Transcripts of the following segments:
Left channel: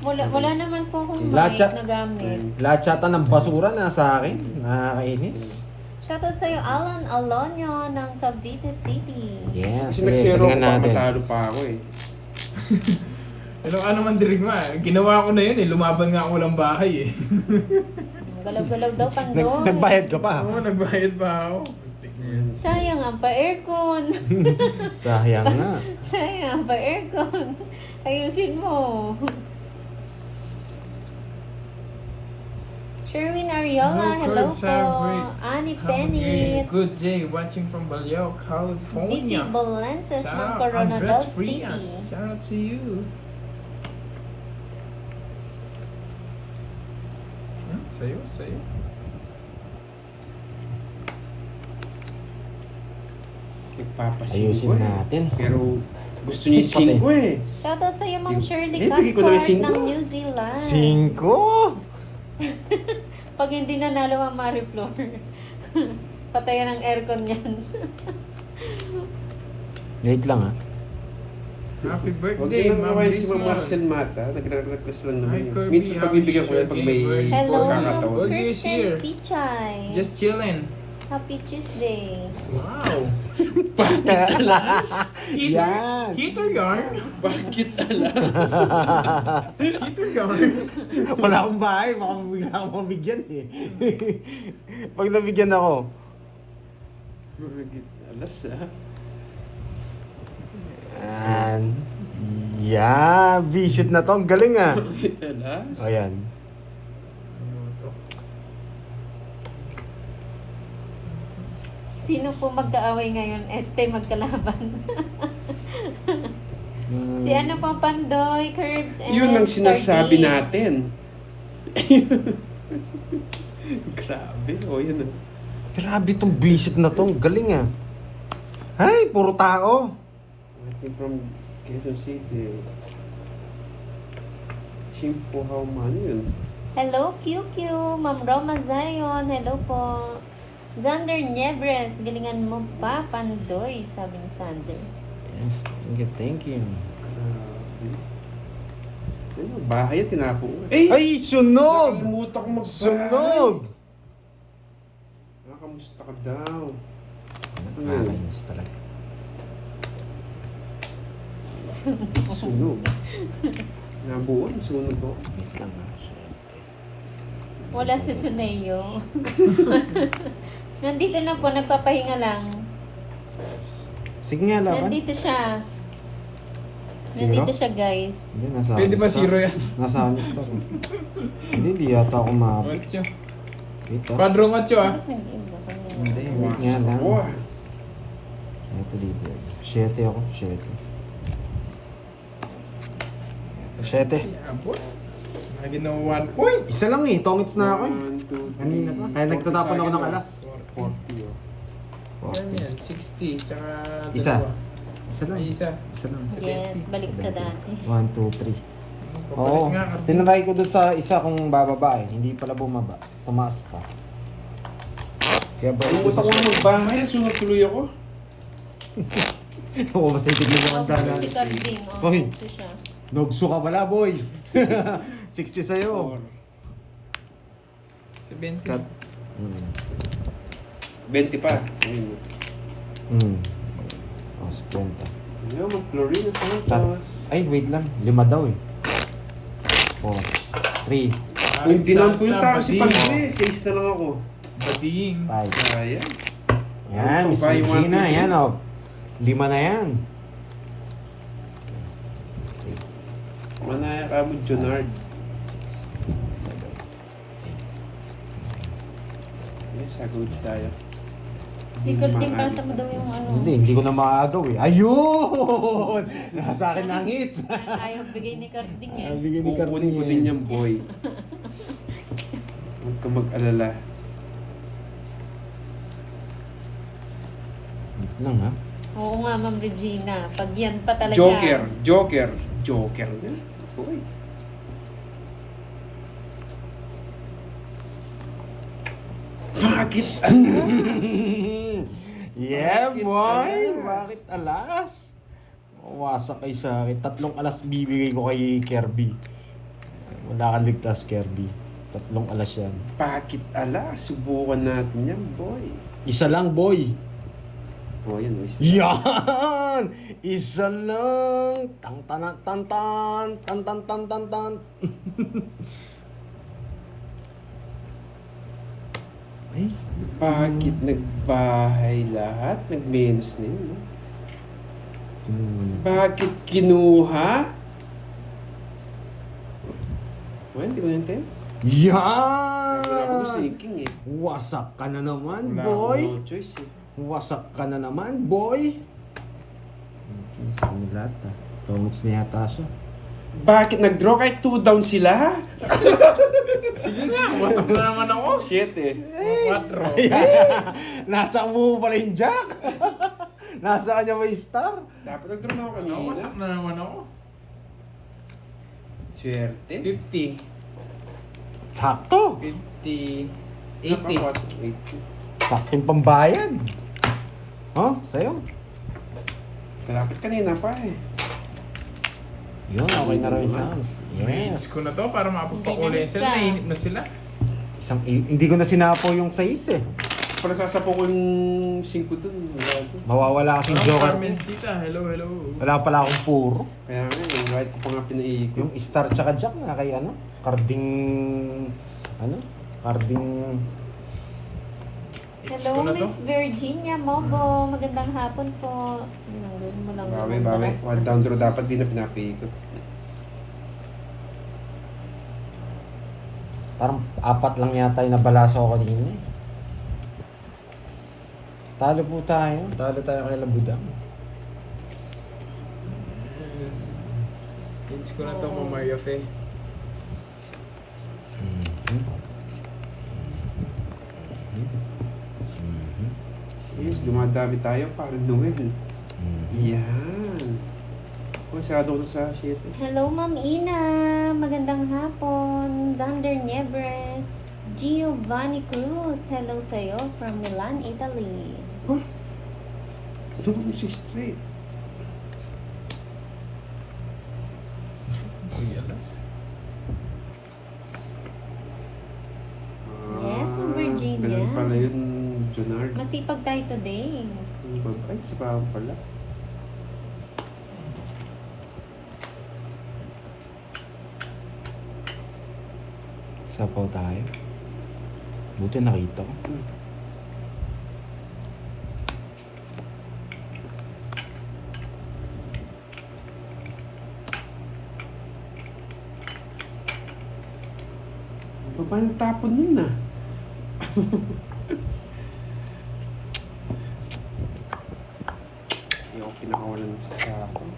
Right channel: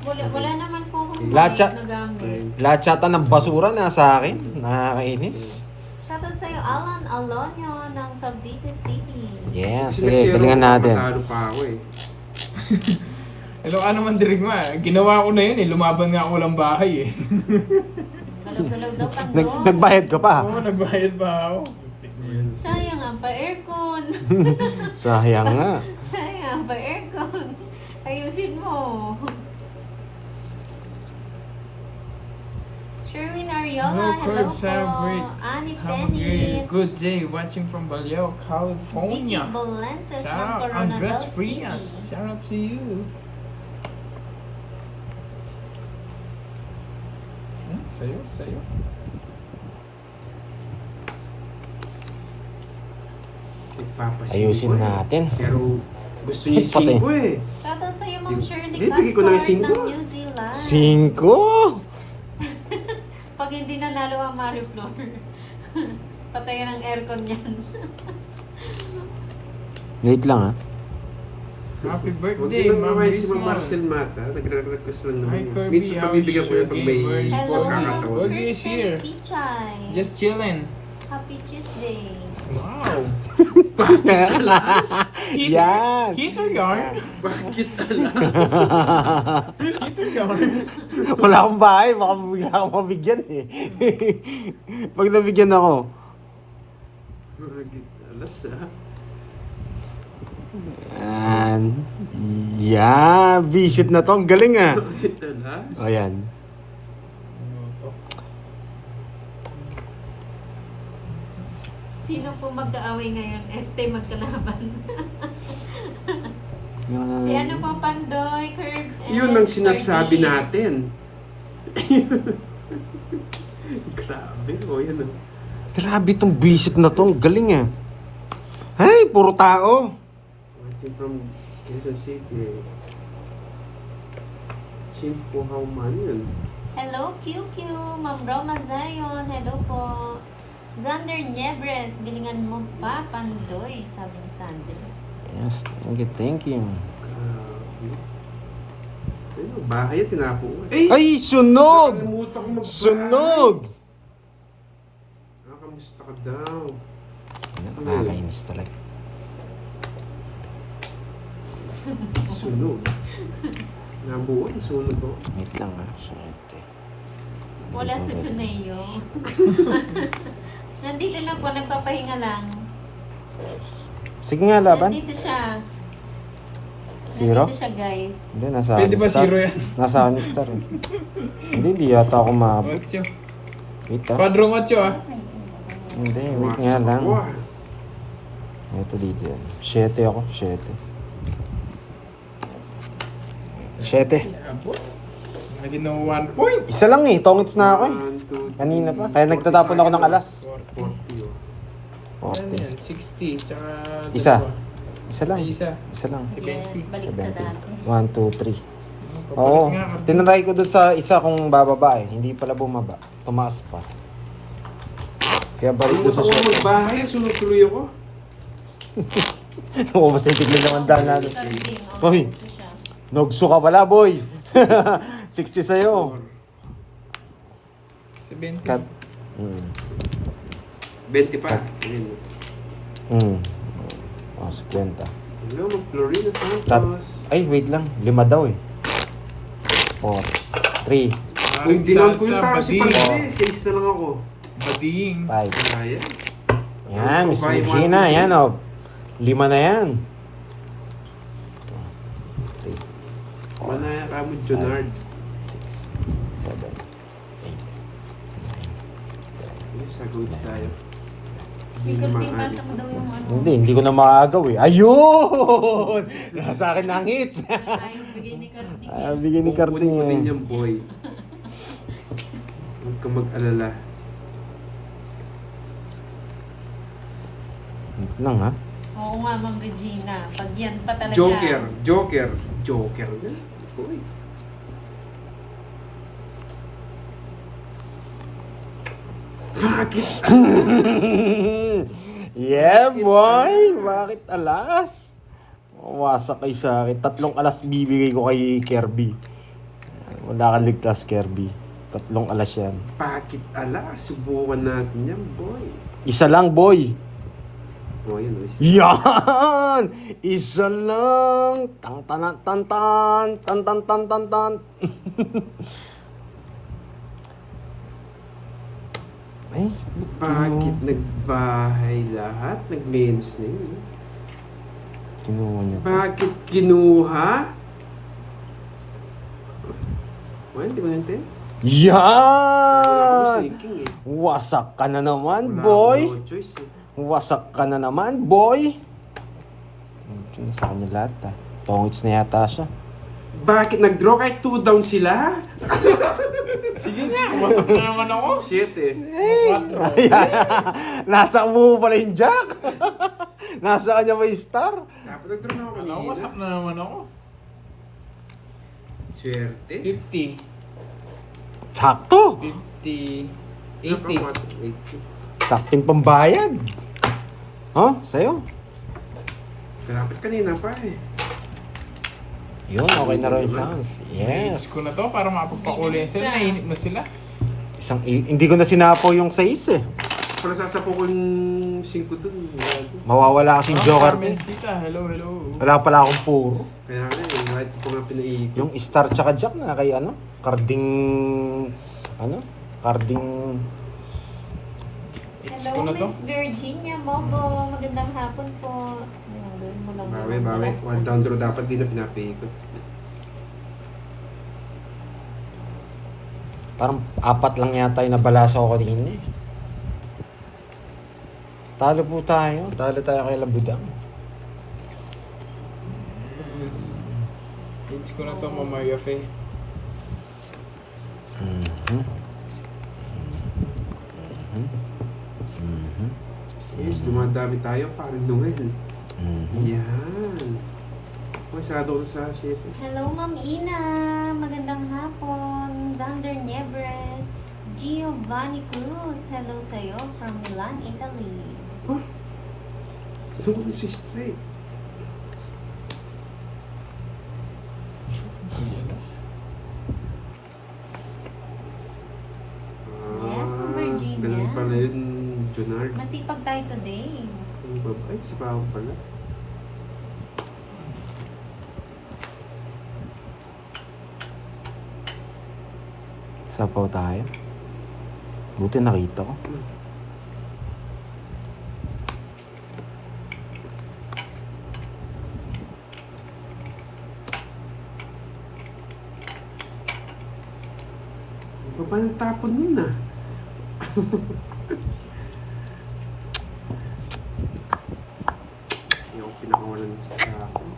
Wala naman po akong Lahat mic na gamit. Lahat yata ng basura na sa akin. Nakakainis. Shoutout sa'yo, Alan Alonio ng Cavite City. Yes, Kasi nagsiro ko, natin. matalo pa ako eh. Hello, ano man dirigma. Ginawa ko na yun eh. Lumaban nga ako walang bahay eh. Galaw-galaw daw pandoy. Nagbayad ka pa. Oo, nagbayad pa ako. Sayang ang pa-aircon. Sayang nga. Sayang ang pa-aircon. Ayusin mo. Sherwin Ariola, hello po. Annie Penny. Good day watching from Baleo, Vicky California. Balances ng Shout out Coronadal Andres City. Frias. Shout out to you. Sa'yo. Nagpapasin Ayusin ko eh. natin. Pero gusto niya yung 5 eh. Shoutout sa'yo, Ma'am Shirley bigay ko na yung Caspar 5. ng New Zealand. 5? Pag hindi nanalo ang Mariflor, patayan ang aircon yan. Wait lang ha. Happy Huwag birthday, din Ma'am naman si Bismol. Ma'am Marcel Mata. Nagre-request lang naman Hi, yun. Kirby. Minsan How pabibigyan is ko yan pag may your day? Hello, pagkakataon. Kirby is here. Kristen Pichay. Just chilling. Happy Tuesday. Wow. Yan. Heater yarn. Bakit alas? Heater yarn. Wala akong bahay. Baka bigla akong mabigyan eh. Pag nabigyan ako. Bakit alas ah? Yeah, visit na to. Ang galing ah. Bakit alas? O yan. Sino po magkaaway ngayon? Este magkalaban. Si ano po, Pandoy, Curbs, and Yun ang sinasabi Fergie. natin. Grabe. O yan ah. Grabe tong visit na to. Ang galing ah. Ay, puro tao. Watching from Quezon City. Chimpo, how man yun? Hello, QQ. Ma'am Roma Zion. Hello po. Xander Niebres. Galingan mo pa, Pandoy, sabi ni Sander. Yes, thank you. Grabe. Ano, bahay at tinapo ko. Eh! Ay, sunog! Nakalimutan ko magbahay. Sunog! Kamusta ka daw? Nakakainis talaga. Sunog. Nabuon, sunog ko. Wait lang ah. Wala si Suneo. Nandito na po, nagpapahinga lang. Sige nga, laban. Nandito siya. Zero? Nandito siya, guys. Hindi, nasa Pwede ba star. zero yan? Nasa star eh. Hindi yata ako maabot. 8. Wait ah. Quadrong 8 ah. Hindi, wait nga lang. Ako ah. Ito dito yan. 7 ako, 7. 7. Abot. Lagi na 1 point. Isa lang eh, tongits na ako eh. 1, 2, 3, Kanina pa. Kaya nagtatapon ako ng alas. 40 oh. Ano yan? 60. Tsaka Isa. dalawa. Isa lang. Ay, isa. Isa lang. Yes, balik sa dati. 1, 2, 3. Oo. Papalit nga. Tinry ko doon sa isa kung bababa eh. Hindi pala bumaba. Tumaas pa. Kaya balik Kalimutan ko na magbahay. Sunog tuloy ako. Oo, mas itigil naman dahil Si Carding. Uy. Ito siya. Nogso ka pala, boy. 60 sa'yo. 70. Cut. 20 pa. Ayun. Oh, 50. Ano, mag-Florina Santos. Ay, wait lang. 5 daw eh. 4, 3, Kung dinan ko yung Sa tao si bading. Pagde, 6 na lang ako. Bading. 5. Kaya. Yan, Miss Tupay, Regina. 1, 2, 3. Yan oh. 5 na yan. Manaya ka mo, Jonard. 7. Yes, sagawits tayo. Ikot din pasa mo daw yung ano. Hindi ko na makagaw eh. Ayun! Nasa akin na ang hits. Ayaw bigay ni Carding eh. Bigyan ni Carding Kukunin ko din eh. yan, boy. Huwag ka mag-alala. Wait lang ha. Oo nga, Ma'am Regina. Pag yan pa talaga. Joker na. Boy. Bakit Yeah, Bakit boy! alas? Bakit alas? Wasak kay sa akin. 3 alas bibigay ko kay Kirby. Wala kang ligtas, Kirby. 3 alas yan. Bakit ala? Subukan natin yan, boy. Isa lang, boy. Oh, yan, oh. Isa. Yan! Isa lang! Tang tan tan tan tan tan tan tan tan. Ay, Bakit nagbahay lahat? Nag-menus na yun. kinuha niya. Bakit kinuha? Well, hindi ko natin. Wala Yan! akong thinking eh. Wasak ka na naman, Wala boy! akong choice eh. Wasak ka na naman, boy! Sa kanya lahat, ah. Tongits na yata siya. Bakit nag-draw kahit 2 down sila? Sige nga, wasak na naman ako. Shit eh. 4. Nasa mo pala yung Jack! Nasa kanya may star! Dapat nag-draw na ako kanina. Wasak na naman ako. Swerte. 50. Sakto! 50. 80. Napakot. 80. Sakting pambayad! Oh, sa'yo? Dapat kanina pa eh. Yun, okay na rin sounds. Yes. Yes. ko na to para mapagpakulay sila. Nainip na sila. Hindi ko na sinapo yung 6 eh. Para sasapo ko yung 5 dun. Mawawala kasing joker. Carmen Sika, hello, hello. Wala pala akong puro. Kaya nga yung white ko pa nga pinaiikot. Yung star tsaka jack na kay ano? Carding... Ano? Carding... Hits Hello, ko na to. Miss Virginia Mobo. Magandang hapon po. Sinunod mo lang Bawi, naman bawi. pala. One down draw dapat di na pinapiikot. Parang 4 lang yata yung nabalasa ko kanina eh. Talo po tayo. Talo tayo kay Labudang. Yes. Hits ko na to mo, Maria Fe. Yes, dumadami tayo. Parang Noel. Yan. Oh, sarado ko na sa shit. Hello, Ma'am Ina. Magandang hapon. Zander Niebres. Giovanni Cruz. Hello sa'yo from Milan, Italy. Oh, ito ko si straight. Yes. Yes, from Virginia. Ganun pala yun, Junard. Masipag tayo today. Ay, sa bawang pala. Sapaw tayo. Buti nakita ko. Baba ng tapon nun ah. Hindi ako pinakawalan sa sako.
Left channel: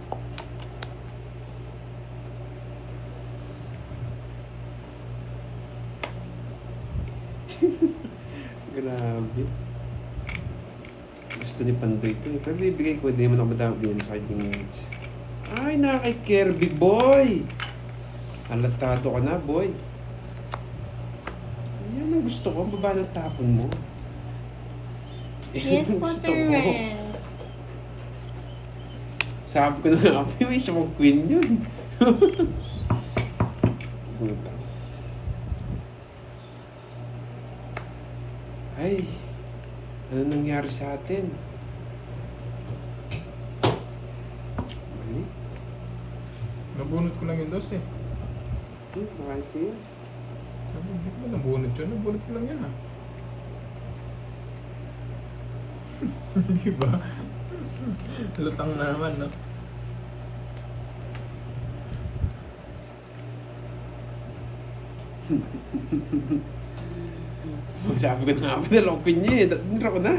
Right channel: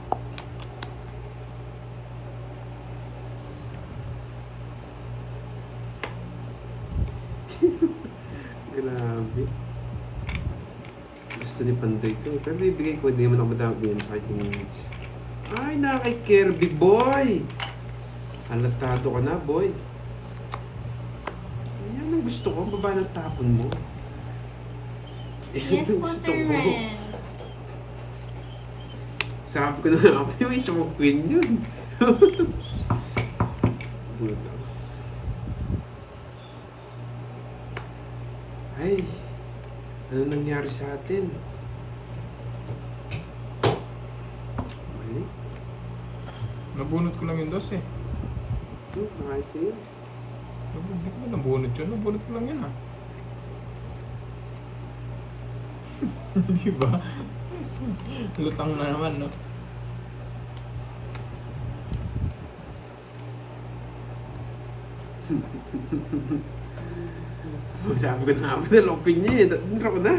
Grabe. Gusto ni Pandoy ito eh. Pero bibigay ko, hindi naman ako madami din sa aking needs. Ay, kay Kirby boy! Halatado ka na boy. Yan ang gusto ko, baba ng tapon mo. Yan Yes ang po, gusto Sir ko. Renz. Sabi ko na nga, may isa mong queen yun. Butang. Ay, ano nangyari sa atin? Mali. Nabunot ko lang yung 12. Nakasi yun. Hindi ko ba nabunot yun? Nabunot ko lang yun, ma. Di ba? Lutang na naman, no? Sabi ko na nga ba, nalokon niya eh. Tatundra ko na.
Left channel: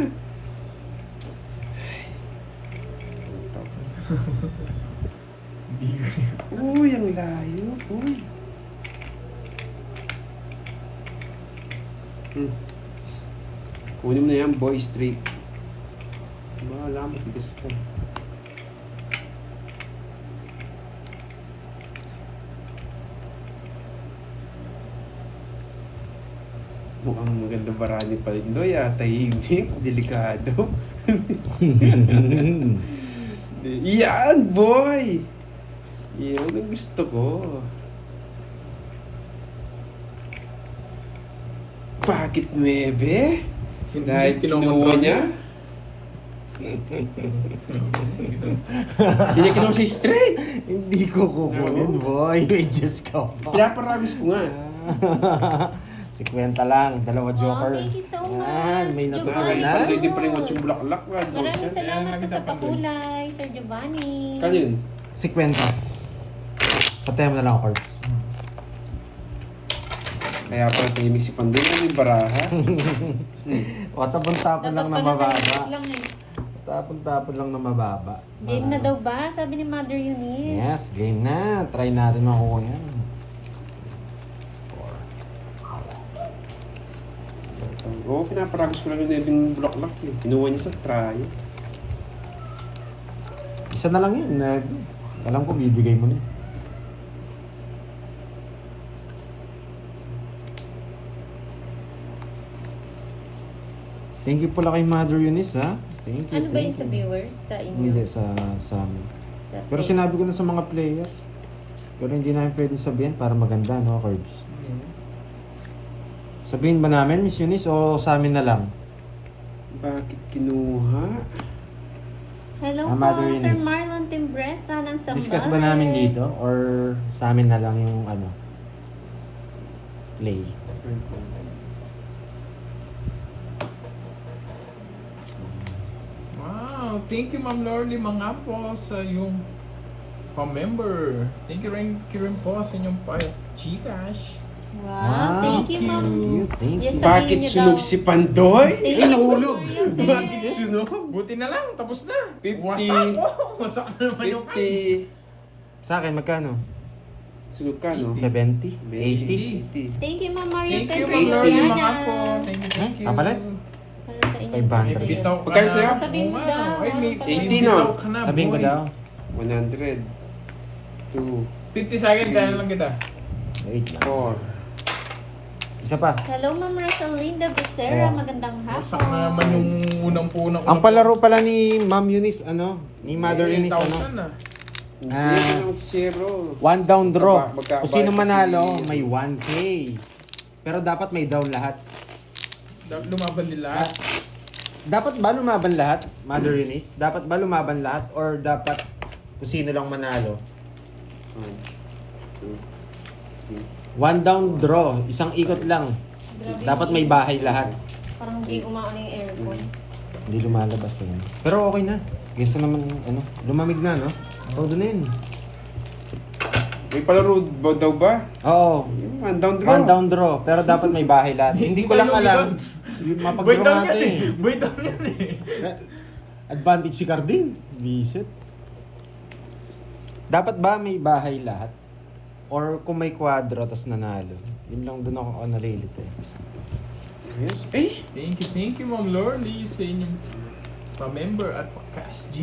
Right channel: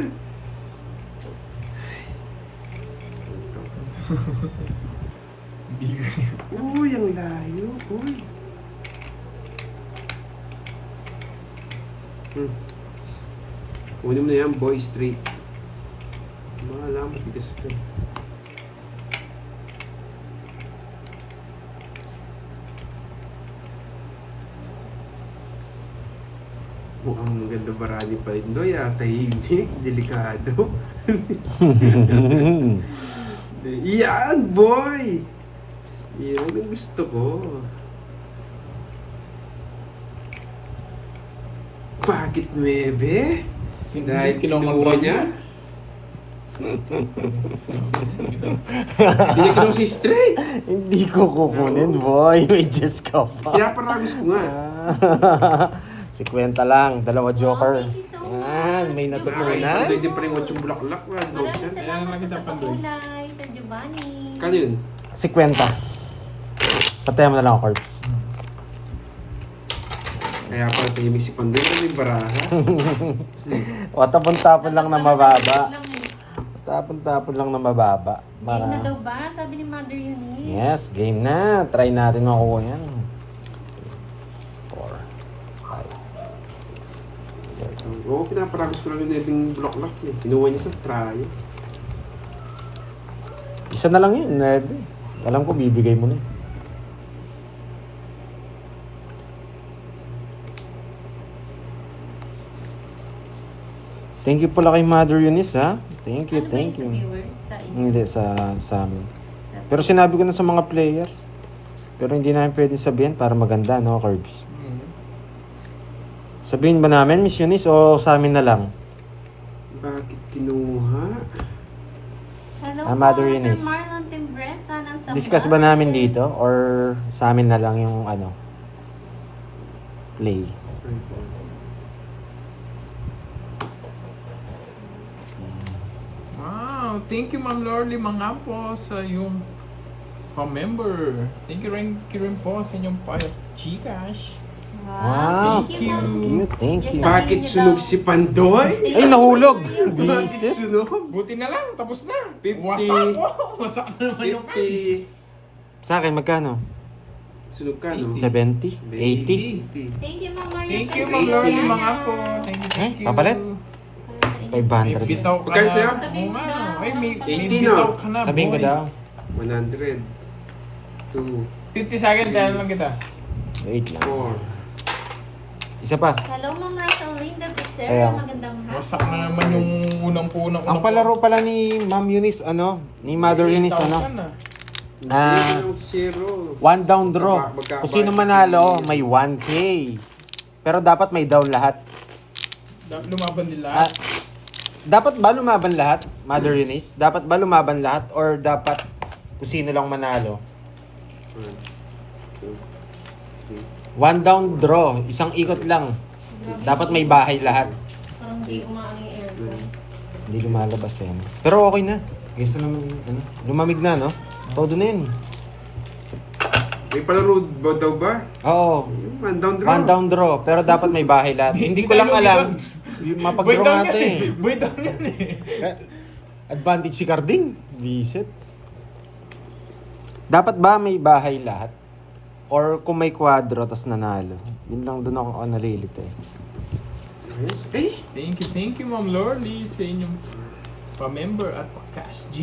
Hindi ko Uy, ang layo. Uy. Kunin mo na yan, boy, straight. Bahala mo, tigas ka. Mukhang maganda barani pa rin doy, tahimik, delikado. Yan, boy! Yan ang gusto ko. Bakit 9? Hindi Dahil kinuha kinokontrol niya? Hindi niya kinuha si straight. Hindi ko kukunin, boy. May Diyos ka pa. Kaya paragos ko nga. Si Kwenta lang, dalawa joker. thank you so much, May natutunan. Giovanni. Pwede pa rin watch yung bulaklak. Maraming salamat po Kaya sa nakita pa pakulay, Sir Giovanni. Kano yun? Si Kwenta. Patayan mo na lang ako, Corbs. Kaya pala tingin si Pandoy na may baraha. O, tapon-tapon lang na mababa. Lang eh. Tapon-tapon lang na mababa. Game na daw ba? Sabi ni Mother Eunice. Yes, game na. Try natin makuha yan. 4, 5, 6, 7. Oo, pinaparagos ko lang yung nebing bulaklak. Kinuha niya sa try. Isa na lang yun. Alam ko, bibigay mo na. Thank you pala kay Mother Eunice, ha? Thank you, Ano ba thank yung sa you. viewers? Sa inyo? Hindi, sa amin. Sa Pero sinabi ko na sa mga players. Pero hindi namin pwedeng sabihin para maganda, no, Curbs? Sabihin ba namin, Miss Eunice, o sa amin na lang? Bakit kinuha? Hello Mother po, Sir Eunice. Marlon Timbresa ng Sambales. Discuss ba namin dito? Or sa amin na lang yung, play? Wow, thank you Ma'am Lorly mga po sa yung pa-member. Thank you rin po sa inyong Gcash. Wow, thank you, Ma'am. Thank Yes, you. sir. Bakit sunog si Pandoy? Ay, nahulog! Bakit sunog? Buti na lang, tapos na. 50. Wasak ko. Wasak na naman yung cash. 50. Sa akin, magkano? Sunog ka, no? 70? 80? 80. Thank you, Ma'am Mario. Thank you Pedro Ma'am Lorly Diana. mga po. Thank you. Kapalit? Para sa inyo. 500. May bitaw ka Magkano sa'yo? Sabihin mo Oo daw. nga, Ay, may 80 bitaw na. ka na. Sabihin ko boy. daw. 100. 2. 50 seconds, dahil lang kita. 8 lang. 4. Isa pa. Hello, Ma'am Rosalinda Becerra. Ayan. Magandang hapon. Wasak na naman yung unang-punang. Ang palaro pala ni Ma'am Eunice, ni Mother Eunice, 0. one down draw. Magkakabayad Kung sino kasi- manalo, may 1K. Pero dapat may down lahat. Lumaban nila. Dapat ba lumaban lahat, Mother Eunice? Dapat ba lumaban lahat? Or dapat kung sino lang manalo? 1, 2, 3. One down draw. Isang ikot lang. Grabe. Dapat may bahay lahat. Parang hindi umaano yung aircon. Hindi lumalabas yan. Pero okay na. Kaysa naman, lumamig na, no? Todo na yun. May palaro ba daw ba? Oo. Yung 1 down draw. One down draw. Pero dapat may bahay lahat. Hindi ko lang alam. Mapag-draw natin eh. Boy down yan eh. Advantage si Carding. Visit. Dapat ba may bahay lahat? Or kung may kwadro tas nanalo? Yun lang doon ako nalilito. Yes. Eh! Thank you Ma'am Lorly sa inyong pa-member at pa-cash G.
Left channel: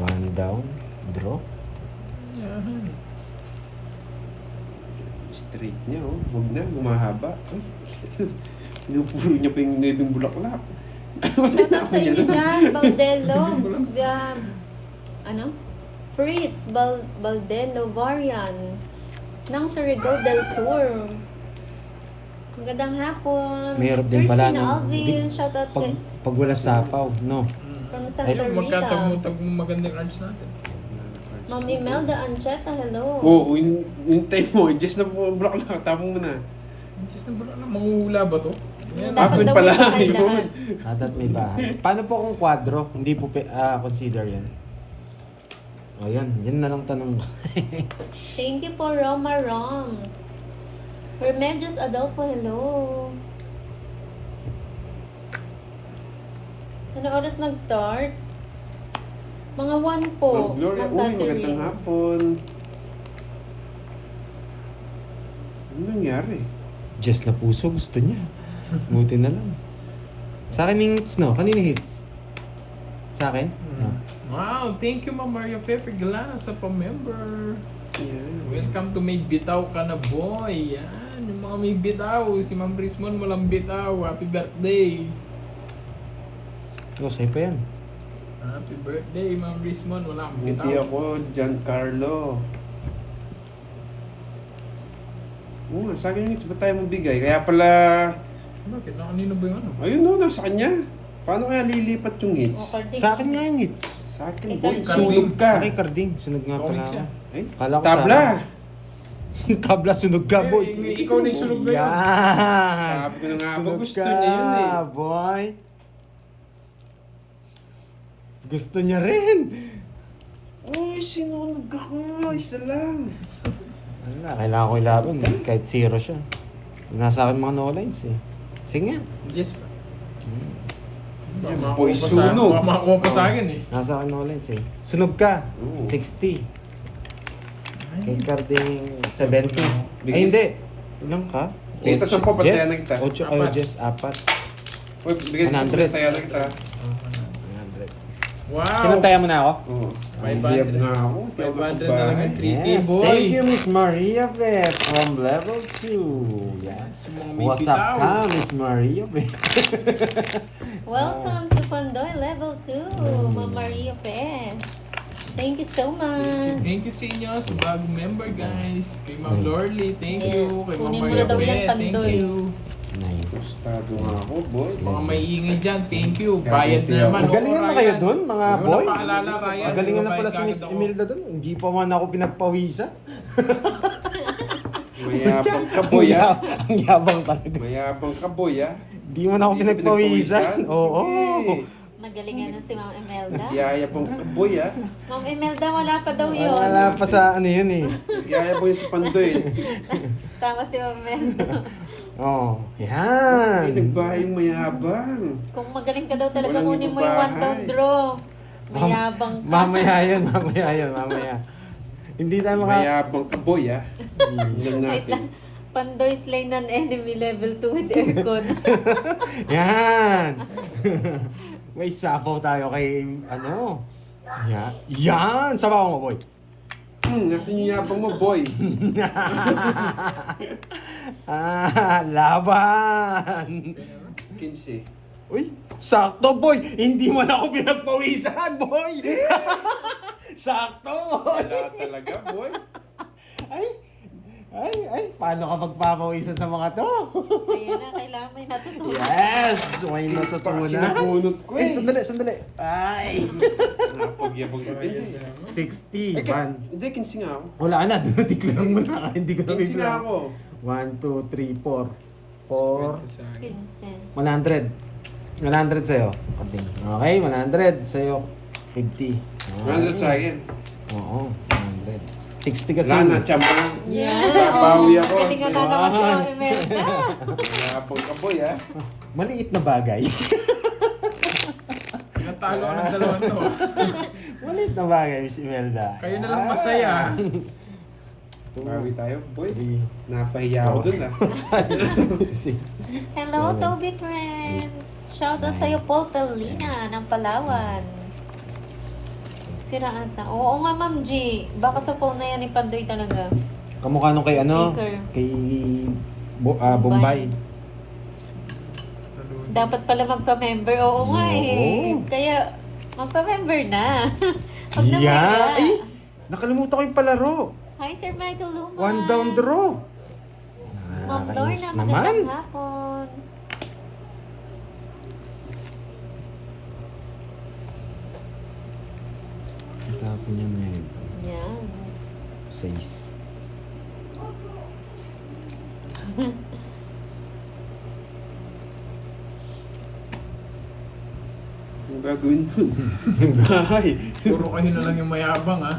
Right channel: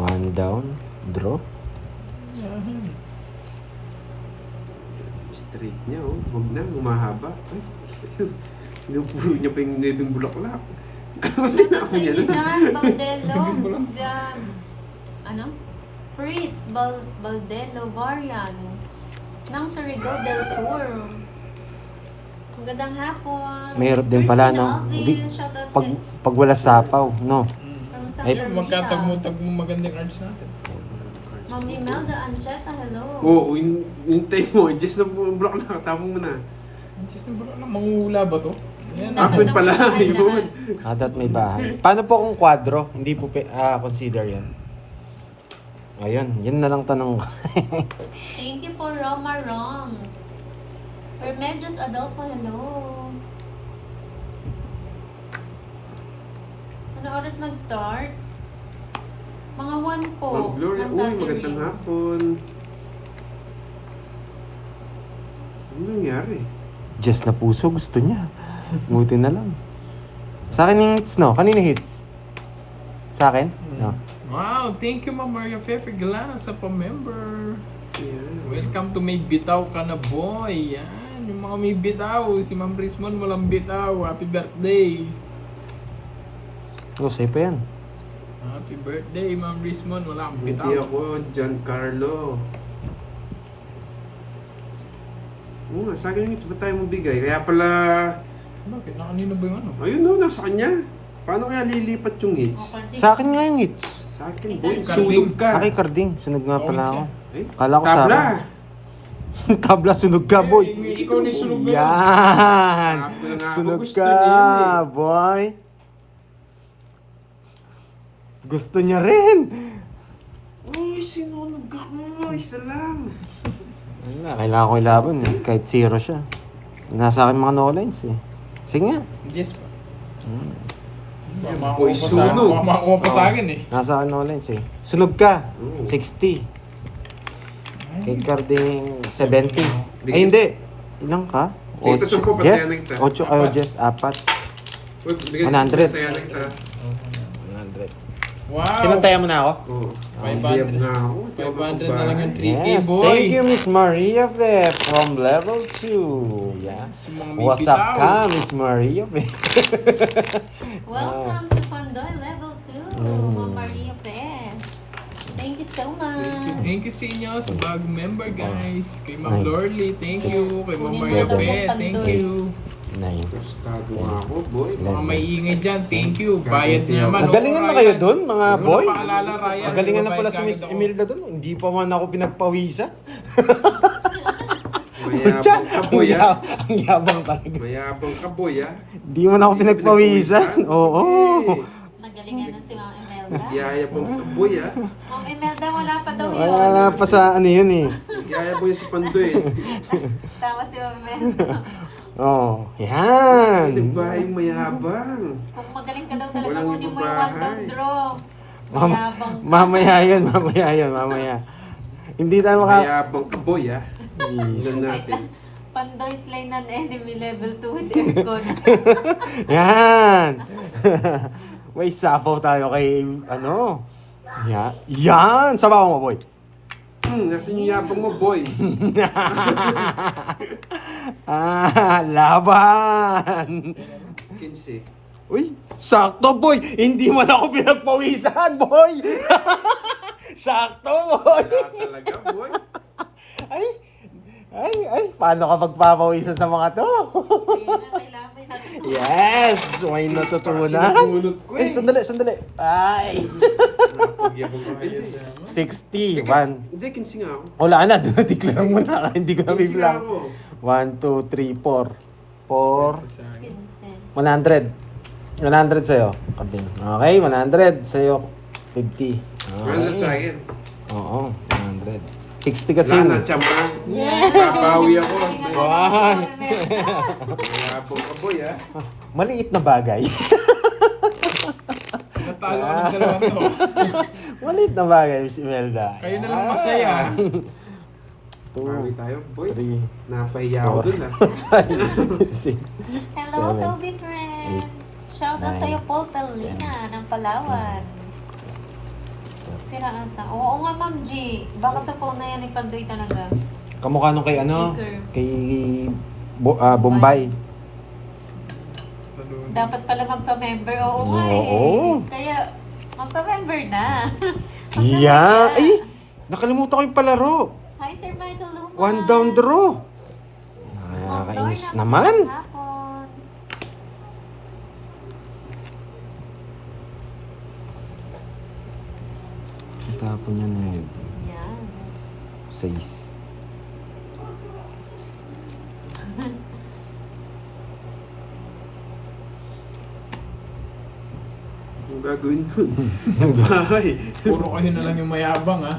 One down, draw. Yan. Straight niya, oh. Huwag na, humahaba. Ay, pinupuro niya pa yung nebing bulaklak. Shoutout sa inyo dyan, Baldello. Dyan. Ano? Fritz Baldello Varian ng Surigao del Sur. Magandang hapon. Mayroon din pala Christina ng Alvin, shoutout kay pag wala sapaw, no? from Santa Ay, Rita. magkatagmo-tagmo magandang arts natin. Ma'am Imelda Ancheta, hello. Oo, hintay mo. Just na bulaklak, tapong mo na. Just na na manguhula ba to? Ayan. Dapat Apple daw pala, may bahay yun. lahat. Dapat may bahay. Paano po kung kwadro? Hindi po consider yan. Ayun, yun na lang tanong ko. Thank you po, Roma Roms. Remedios Adolfo, hello. Ano oras mag-start? Mga 1 po. Ma'am Gloria, Ma'am uy, Catherine. magandang hapon. Ano nangyari? Just na puso, gusto niya. Buti na lang. Sa akin yung hits, no? Kanina hits? Sa akin? No. Wow, thank you Ma'am Maria Fefe Galana sa pa-member. Yeah. Welcome to May Bitaw Ka Na Boy. Yan, yung mga may bitaw. Si Ma'am Rismon walang bitaw. Happy birthday. Oh, safe pa yan. Happy birthday Ma'am Rismon. Walang Buti bitaw. ako, Giancarlo. Oo nga, sa akin yung hits, ba't tayo mabigay? Kaya pala, Bakit? Na kanino ba yung ano? ayun no, nasa kanya. Paano kaya lilipat yung hits? According Sa akin nga yung hits. Sa akin, Ay, boy, Carding. sunog ka. Okay, Carding. Sunog nga pala Tawid ako. siya. Eh, Kala ko tabla. sa akin. Tabla, sunog ka, boy. Ikaw na yung sunog na yun. Yan. Sabi ko na nga ba, Sunog gusto ka, niya yun eh. boy. Gusto niya rin. Uy, sinunog ako. Isa lang. Wala, kailangan ko ilaban eh. Kahit zero siya. Nasa akin mga no-lines eh. Sige nga. Yes pa. Boy, sunog. Makakuha pa sa akin eh. Nasa akin no-lines eh. Sunog ka. Oo. 60. Kay Carding 70. Ay Bigyan- hindi. Ilang ka? Dito sa po, patayan na kita. 8 Apat. Jess, 4. Uy, bigay ko 100. tayo na kita. 100. Wow! Kinantaya mo na ako? Oo. 500. Hiyab na ako. 500 na lang yung 3K, Yes, boy. thank you Miss Maria Fe from level 2. Yeah. Mga may What's up bitaw. ka Miss Maria Fe? Welcome to Pandoy Level 2, Ma'am Maria Pes. Thank you so much. Thank you sa inyo sa bagong member, guys. Kay Ma'am Ay. Lorly, thank Yes. you. Kay Ma'am Kunin mo Maria daw yung Pe, thank Pandoy. you. Nine. Gustado nga ako, boy. Mga may ingay dyan, thank you. Bayad na naman. Magalingan Oo, na kayo Ryan. doon, mga Huwag mo boy. na paalala, Ryan. Magalingan na Babayad pala si ka Miss agad ako. Imelda doon. Hindi pa man ako pinagpawisa. Mayabang ka, boy, ah. Ang yabang talaga. Mayabang ka, boy, ah. Hindi man ako Hindi pinagpawisan. Oo. Sige. Magalingan na si Ma'am Imelda. Yayabang ka, boy, ah. Ma'am Imelda, wala pa daw yun. Wala pa sa ano yun eh. Yayabang yun si Pandoy. Tama si Ma'am Imelda. Oo. Ay, Yan. nagbayang mayabang. Kung magaling ka daw talaga, Walang kunin mo yung ibabahay. one down draw. Mayabang ka. Mamaya yun, mamaya yun, mamaya. Hindi tayo maka... Mayabang ka, boy, ah. Tingnan Wait lang. natin. Pandoy slay ng enemy level 2 with aircon. Yan. May sapaw tayo kay ano. Yan. Sabaw mo, boy. Nasaan yung yabang mo, boy? Laban. 15. Uy, sakto, boy. Hindi man ako pinagpawisan, boy. Sakto, boy. Wala talaga, boy. Ay, paano ka magpapawisan sa mga to? Kaya na, kailangan may natutunan. Yes, may natutunan. Sinabunot ko Ay, eh. sandali. Ay, Napagyabang ka. Hindi. 60, Eh, 1. Hindi, 15 nga ako. Wala na, declare mo na. Hindi ko na 15 nga biglang. ako. 1, 2, 3, 4. 4, Sa akin. Vincent. 100. 100 sa'yo. Okay, 100 sa'yo. 50. Wala sa akin. Oo, 100. 60 kasi. Wala na, chamba. Yeah. Papawi ako. Galingan na naman si Ma'am Imelda. Mayabang ka, boy, ah. Maliit na bagay. Natalo ko ng dalawa to. Maliit na bagay, Miss Imelda. Kayo na lang masaya. Pawi tayo, boy. 3, Napahiya ako dun, ah. 6. Hello, Toby friends. Shoutout sa'yo, Paul Palina ng Palawan. Siraan na. Oo nga, Ma'am G. Baka sa phone na yan ni Pandoy talaga. Kamukha nung kay ano? Speaker. Kay Bombay. Dapat pala magpa-member. Oo nga eh. Oo. Kaya, magpa-member na. Huwag na Yeah. kaya. Ay! Nakalimutan ko yung palaro. Hi, Sir Michael Luma. One down draw. Ma'am Nakakainis Lorna, naman. magandang hapon. Tapon yan na yun. Yan. 6. Ang gagawin nun? Bahay. Puro kayo na lang yung mayabang, ha?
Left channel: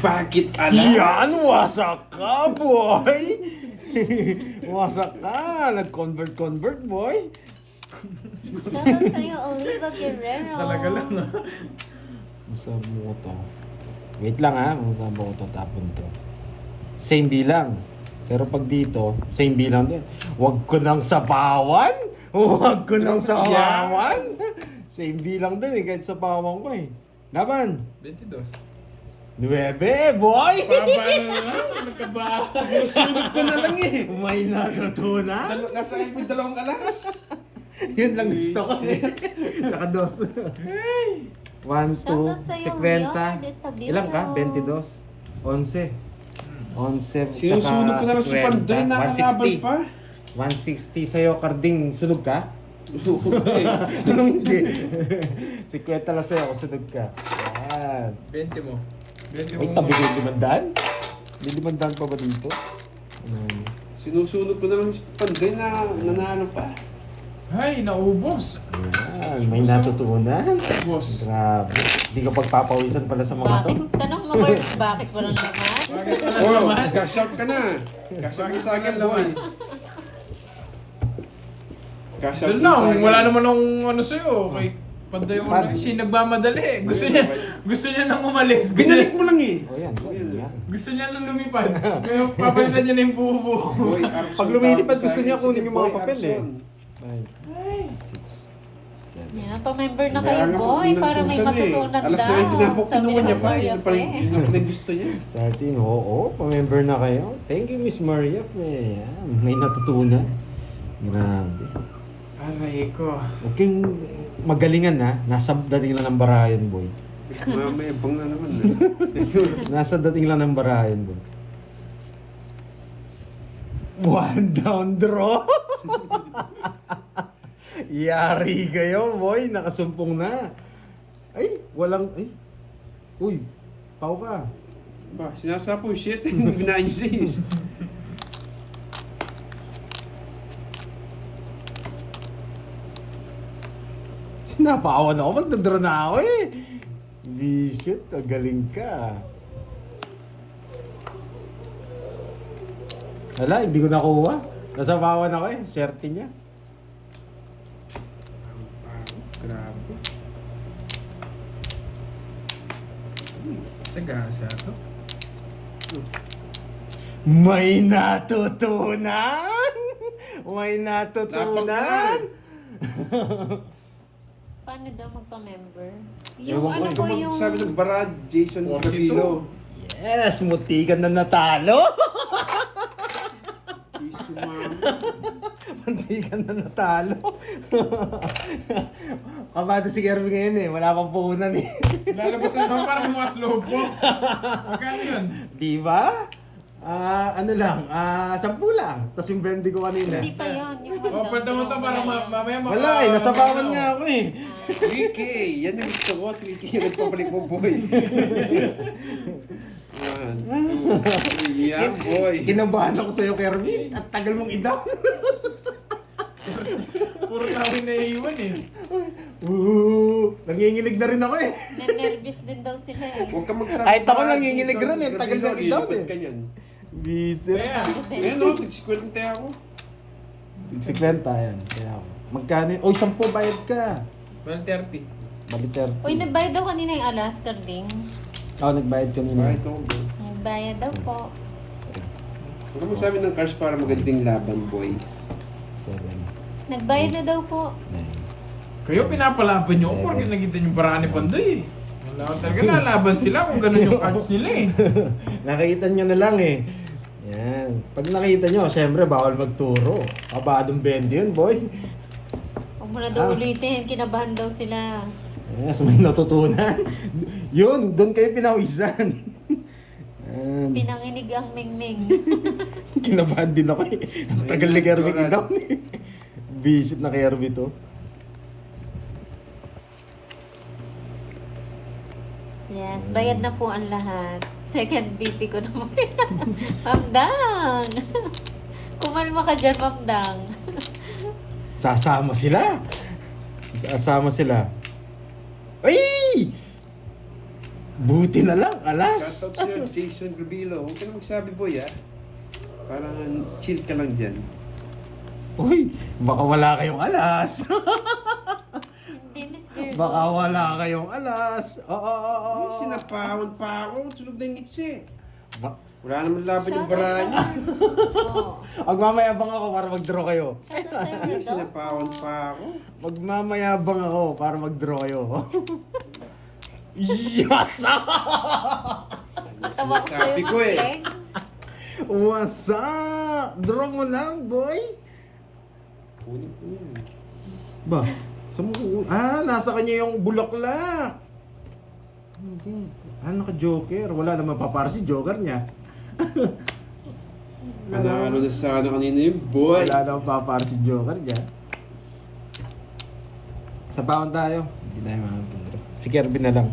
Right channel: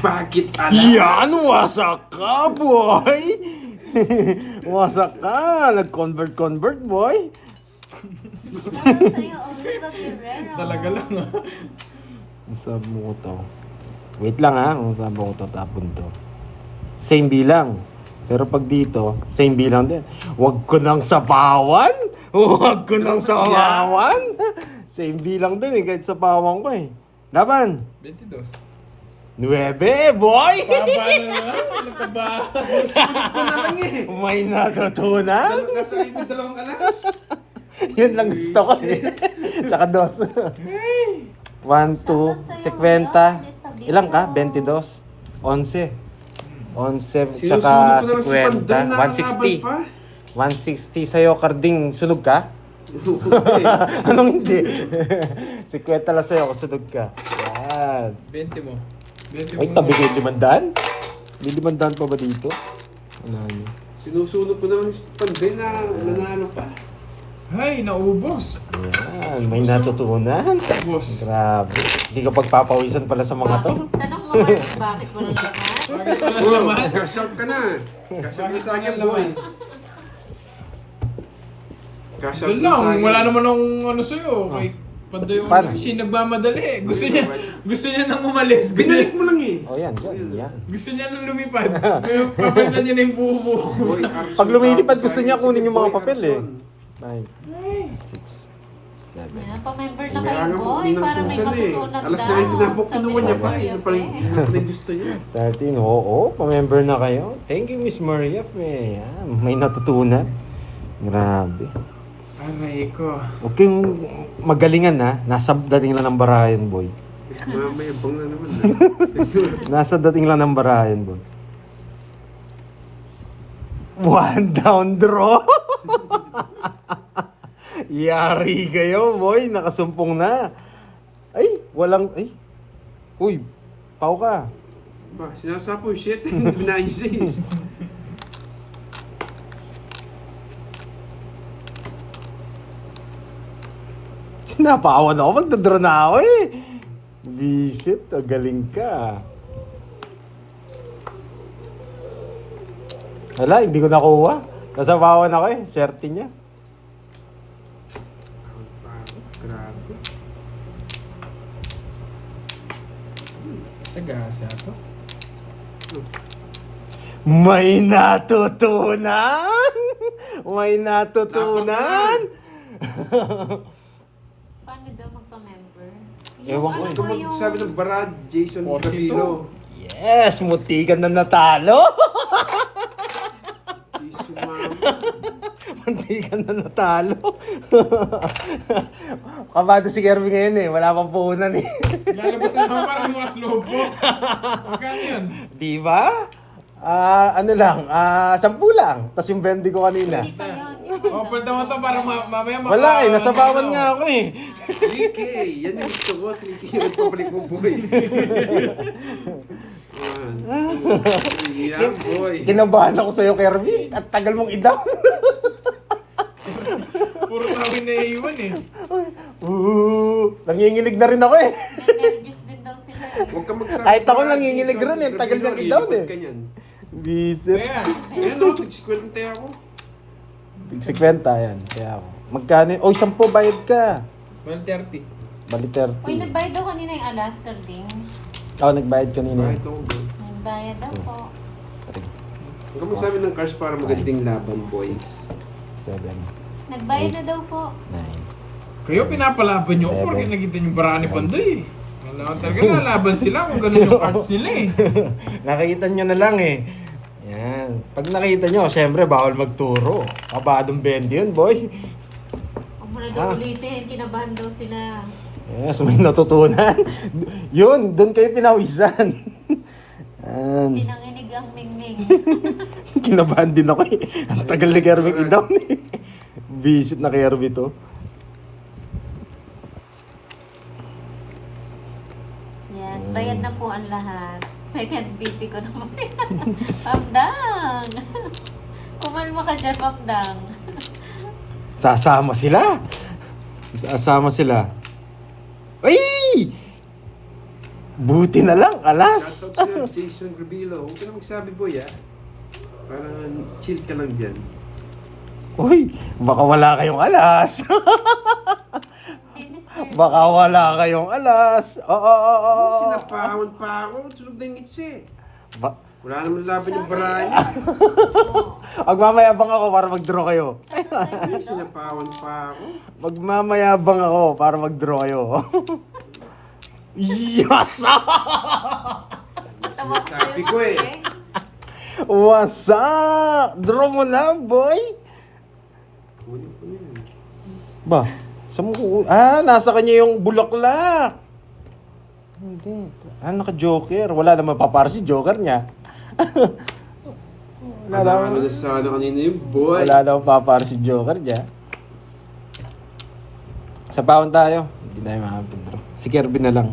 Bakit alas? Yan! Wasak ka, boy! Wasak ka! Nag-convert, boy! Shoutout sa'yo, Oliva Guerrero. Talaga lang, ha? Sabi mo ko to. Wait lang ha, kung sabi ko to, tapon to. Same bilang. Pero pag dito, same bilang din. Huwag ko nang sapawan! Huwag ko nang sapawan! Same bilang din eh, kahit sapawan ko eh. Laban! 22. 9, boy! Baba na naman. Ano ka ba? Sulit ko na lang eh. May natutunan? Nasa IP dalawang kalas. Yun lang gusto ko eh. Tsaka 2. 1, 2, Shoutout sa'yo, 50. Leon Ilang ka? 22? 11. 11 Sinusunog tsaka ko na lang si Panday, 50. nakakabal pa. 160 sa'yo, Carding. Sunog ka? Okay. Anong hindi? 50 lang sa'yo kung sunog ka. Yan. 20 mo. 20 Wait, mo. tabi ko yung 500? May 500 pa ba dito? Ano yun? Sinusunog ko na lang si Panday na nanalo pa. Ay, naubos. Yan, may natutunan. Boss. Grabe. Hindi ka pagpapawisan pala sa mga to. Bakit? Tanong mo ba, bakit walang laman? Bakit wala Oh, naman? cash out ka na. Cash out ka sa akin, Bakit boy. Cash out Doon ka sa lang, akin. wala naman akong ano sa'yo. Kay Panday yung Paano? siya nagmamadali. Ayun, Gusto niya nang umalis. Binalik mo lang eh. O yan, yan. Gusto niya nang lumipad. Ngayon, papalitan niya na yung buo-buo. Boy, Arson, Pag lumilipad, tawag gusto sa niya akin kunin si yung mga Boy papel Arson. 9, 6, 7. Yan, pa-member na Kaya kayo, nga po, boy, hindi para may Susan eh. matutunan Alas daw. 9 na po, Sabi kinuha ng niya pa. Maria Yun pa rin Fe. yun ang gusto niya. 13, oo, pa-member na kayo. Thank you, Miss Maria. Yan, may natutunan. Grabe. Aray ko. Huwag kayong magalingan na. Nasa dating lang ng barayan, boy. Mamaya bang na naman. Nasa dating lang ng barayan, boy. One down draw. Yari kayo, boy. Nakasumpong na. Ay, walang... Ay. Uy, pau ka. Ba, sinasapo yung shit. Binahin niya siya. Napawan ako. Magdadraw na ako eh. Visit, galing ka. Wala, hindi ko nakuha. Nasabawan ako eh. Swerte niya. Grabe. Sagasa to. May natutunan! May natutunan! Paano daw magpa-member? Ewan ko ano eh. po Kung yung... sabi ng Barad, Jason 42. Gravino. Yes! Mutikan na natalo! Sumama. Mutikan na natalo! Kabado si Kirby ngayon eh. Wala pang puhunan eh. Lalabas na naman parang mas lobo. Magkano yun? Di ba? Ano lang, 10 lang. Tapos yung 20 ko kanina. Hindi pa yun. O, palta mo to para mamaya Wala eh, nasabawan nga ako eh. 3K. Yan yung gusto ko. 3K yung nagpapalik mo, boy. Yeah, boy. Kinabahan ako sa'yo, Kirby. At tagal mong idaw. Puro tawin na iiwan eh. Nanginginig na rin ako eh. Nervous din daw sila eh. Huwag ka magsabi. Kahit ako Barad, nanginginig Jason rin eh. Tagal Gravino, niyang i-down lilipad eh. ka niyan. Bisit. Kaya, Ayan o, nag-squirte ako. 50 yan. Kaya ako. Magkano yun? Oy, 10 bayad ka. well, 30. Bali Uy, 30. nagbayad daw kanina yung Alaska Ding. Ako nagbayad kanina. Kahit ako, boy. Nagbayad daw po. Huwag ka magsabi ng cars para magandang laban, boys. 7, Nagbayad na daw po. 9. Kayo pinapalaban nyo ako porque nakita nyo parang ni Panday eh. Wala talaga lalaban sila kung ganun yung cards nila eh. Nakita nyo na lang eh. Yan. Pag nakita nyo, syempre bawal magturo. Kabadong 20 yun, boy. Huwag mo na daw ulitin. Kinabahan daw sila. Yes, may natutunan. Yun, doon kayo pinawisan. Yan. Pinanginig ang mingming. Kinabahan din ako eh. Ang tagal ni Kirby i-down eh. Visit na Kirby to. Yes, bayad na po ang lahat. Second BP ko naman. Mapdang! Kumalma ka dyan, Mapdang. Sasama sila. Sasama sila. Ay! Buti na lang, alas. Shoutout sa'yo, Jason Gravino. Huwag ka na magsabi, boy, ah. Parang chill ka lang dyan. Uy, baka wala kayong alas. Hindi, Miss Fair. Baka wala kayong alas. Oo. Sinapawan pa ako. Sunog na yung ngits eh. Ba- Wala naman laban yung baranya. Oo. Magmamayabang ako para mag-draw kayo. Ay, sinapawan pa ako. Magmamayabang ako para mag-draw kayo. Yes! Tawa ko sa'yo, Sabi ko eh. Mapdang. What's up? Draw mo na, boy. Kunin ko yan. Ba? Saan mo nasa kanya yung bulaklak. Hindi. Naka-joker. Wala naman papara si joker niya. Ano na sana kanina yung boy. Wala naman papara si joker niya. Sa paon tayo. Hindi tayo makapindro. Si Kirby na lang.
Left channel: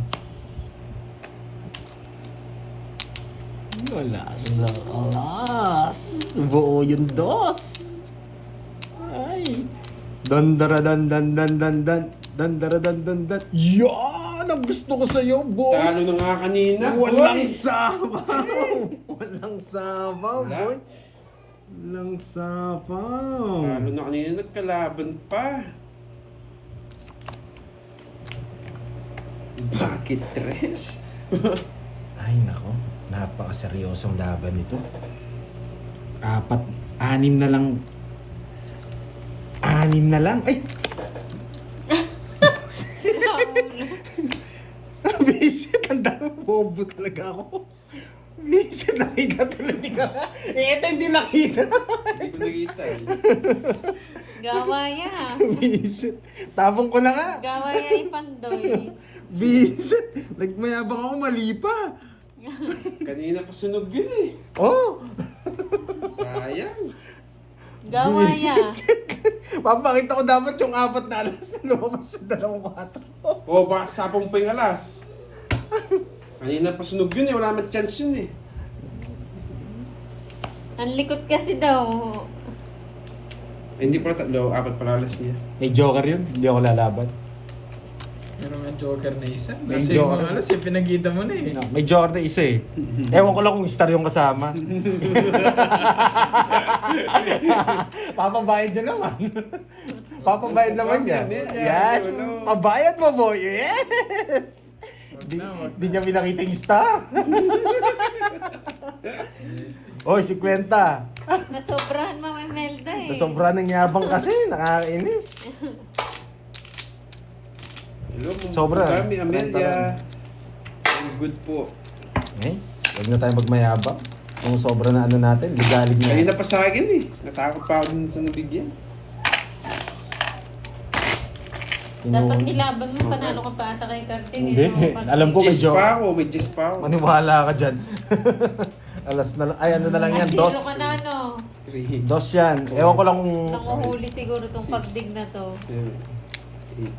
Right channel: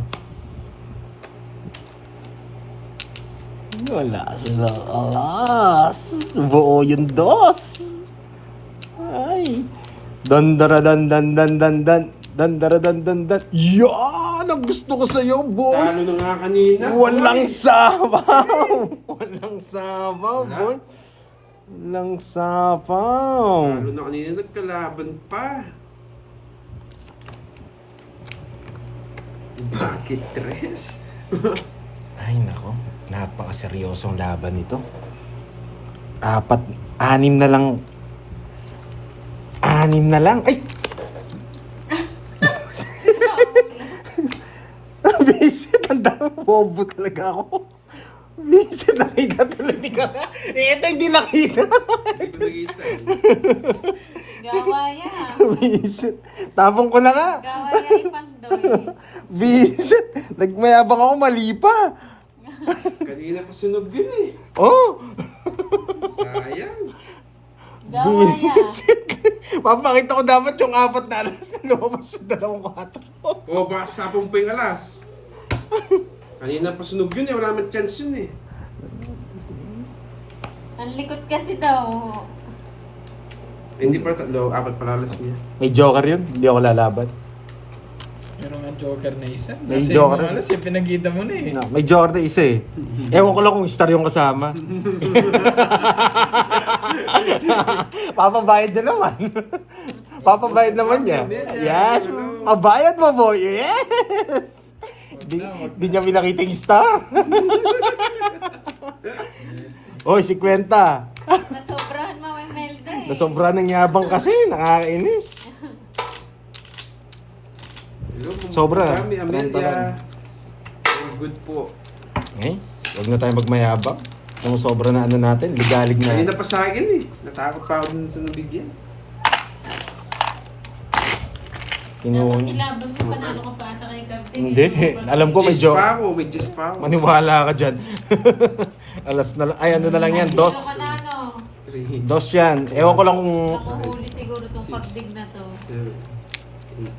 Wala sila. Alas. Buo yung dos. Ay. Dandara dan dan dan dan dan. Dandara dan dan dan. Yan! Ang gusto ko sa'yo, boy. Talo na nga kanina. Walang boy. sabaw. Walang sabaw, Wala. boy. Walang sabaw. Talo na kanina, nagkalaban pa. Bakit tres? Ay, nako. Napakaseryosong laban nito. 6 na lang. 6 na lang. Ay! Bisit, ang dami. Bobo talaga ako. Bisit, nakita talaga ka. Ito hindi nakita. Hindi ko nakita eh. Gawaya. Bisit. Tapong ko na nga. Gawaya ipandoy. Bisit. Nagmayabang ako, mali pa. Kanina pa sunog yun eh. Oh! Sayang. Gawaya. Bisit. Papakita ko dapat yung 4 na alas na lumabas sa 2-4. O, baka sapong pa yung alas. Kanina pa sunog yun eh. Wala naman chance yun eh. Ang likot kasi daw. Eh, hindi pa 4 pala alas niya. May joker yun, hindi ako lalaban. Meron nga joker na isa. May Kasi joker. yung alas yung pinagkita mo na eh. No, may joker na isa eh. Ewan ko lang kung star yung kasama. Papabayad niya naman. Papabayad naman niya. Yes! Pabayad mo, boy! Yes! Hindi niya pinakita yung star. Oy, 50. Nasobrahan Mama Imelda eh. Nasobra ng yabang kasi, nakakainis. Hello, Sobra. Kami, Amelia. All good po. Eh, huwag na tayo magmayabang. Kung sobra na ano natin, ligalig na. Kanina pa sa akin eh. Natakot pa ako dun sa nabigyan. Dapat ilaban mo, panalo ka pa ata kay Captain. Hindi, alam ko may Jess joke. pa ako, may Jess pa ako. Maniwala ka dyan. Alas na lang, ay ano na lang yan, dos. Zero ka na no. 3, Dos yan. Ewan ko lang kung... Nanguhuli siguro itong pagdig na to. 7, 8,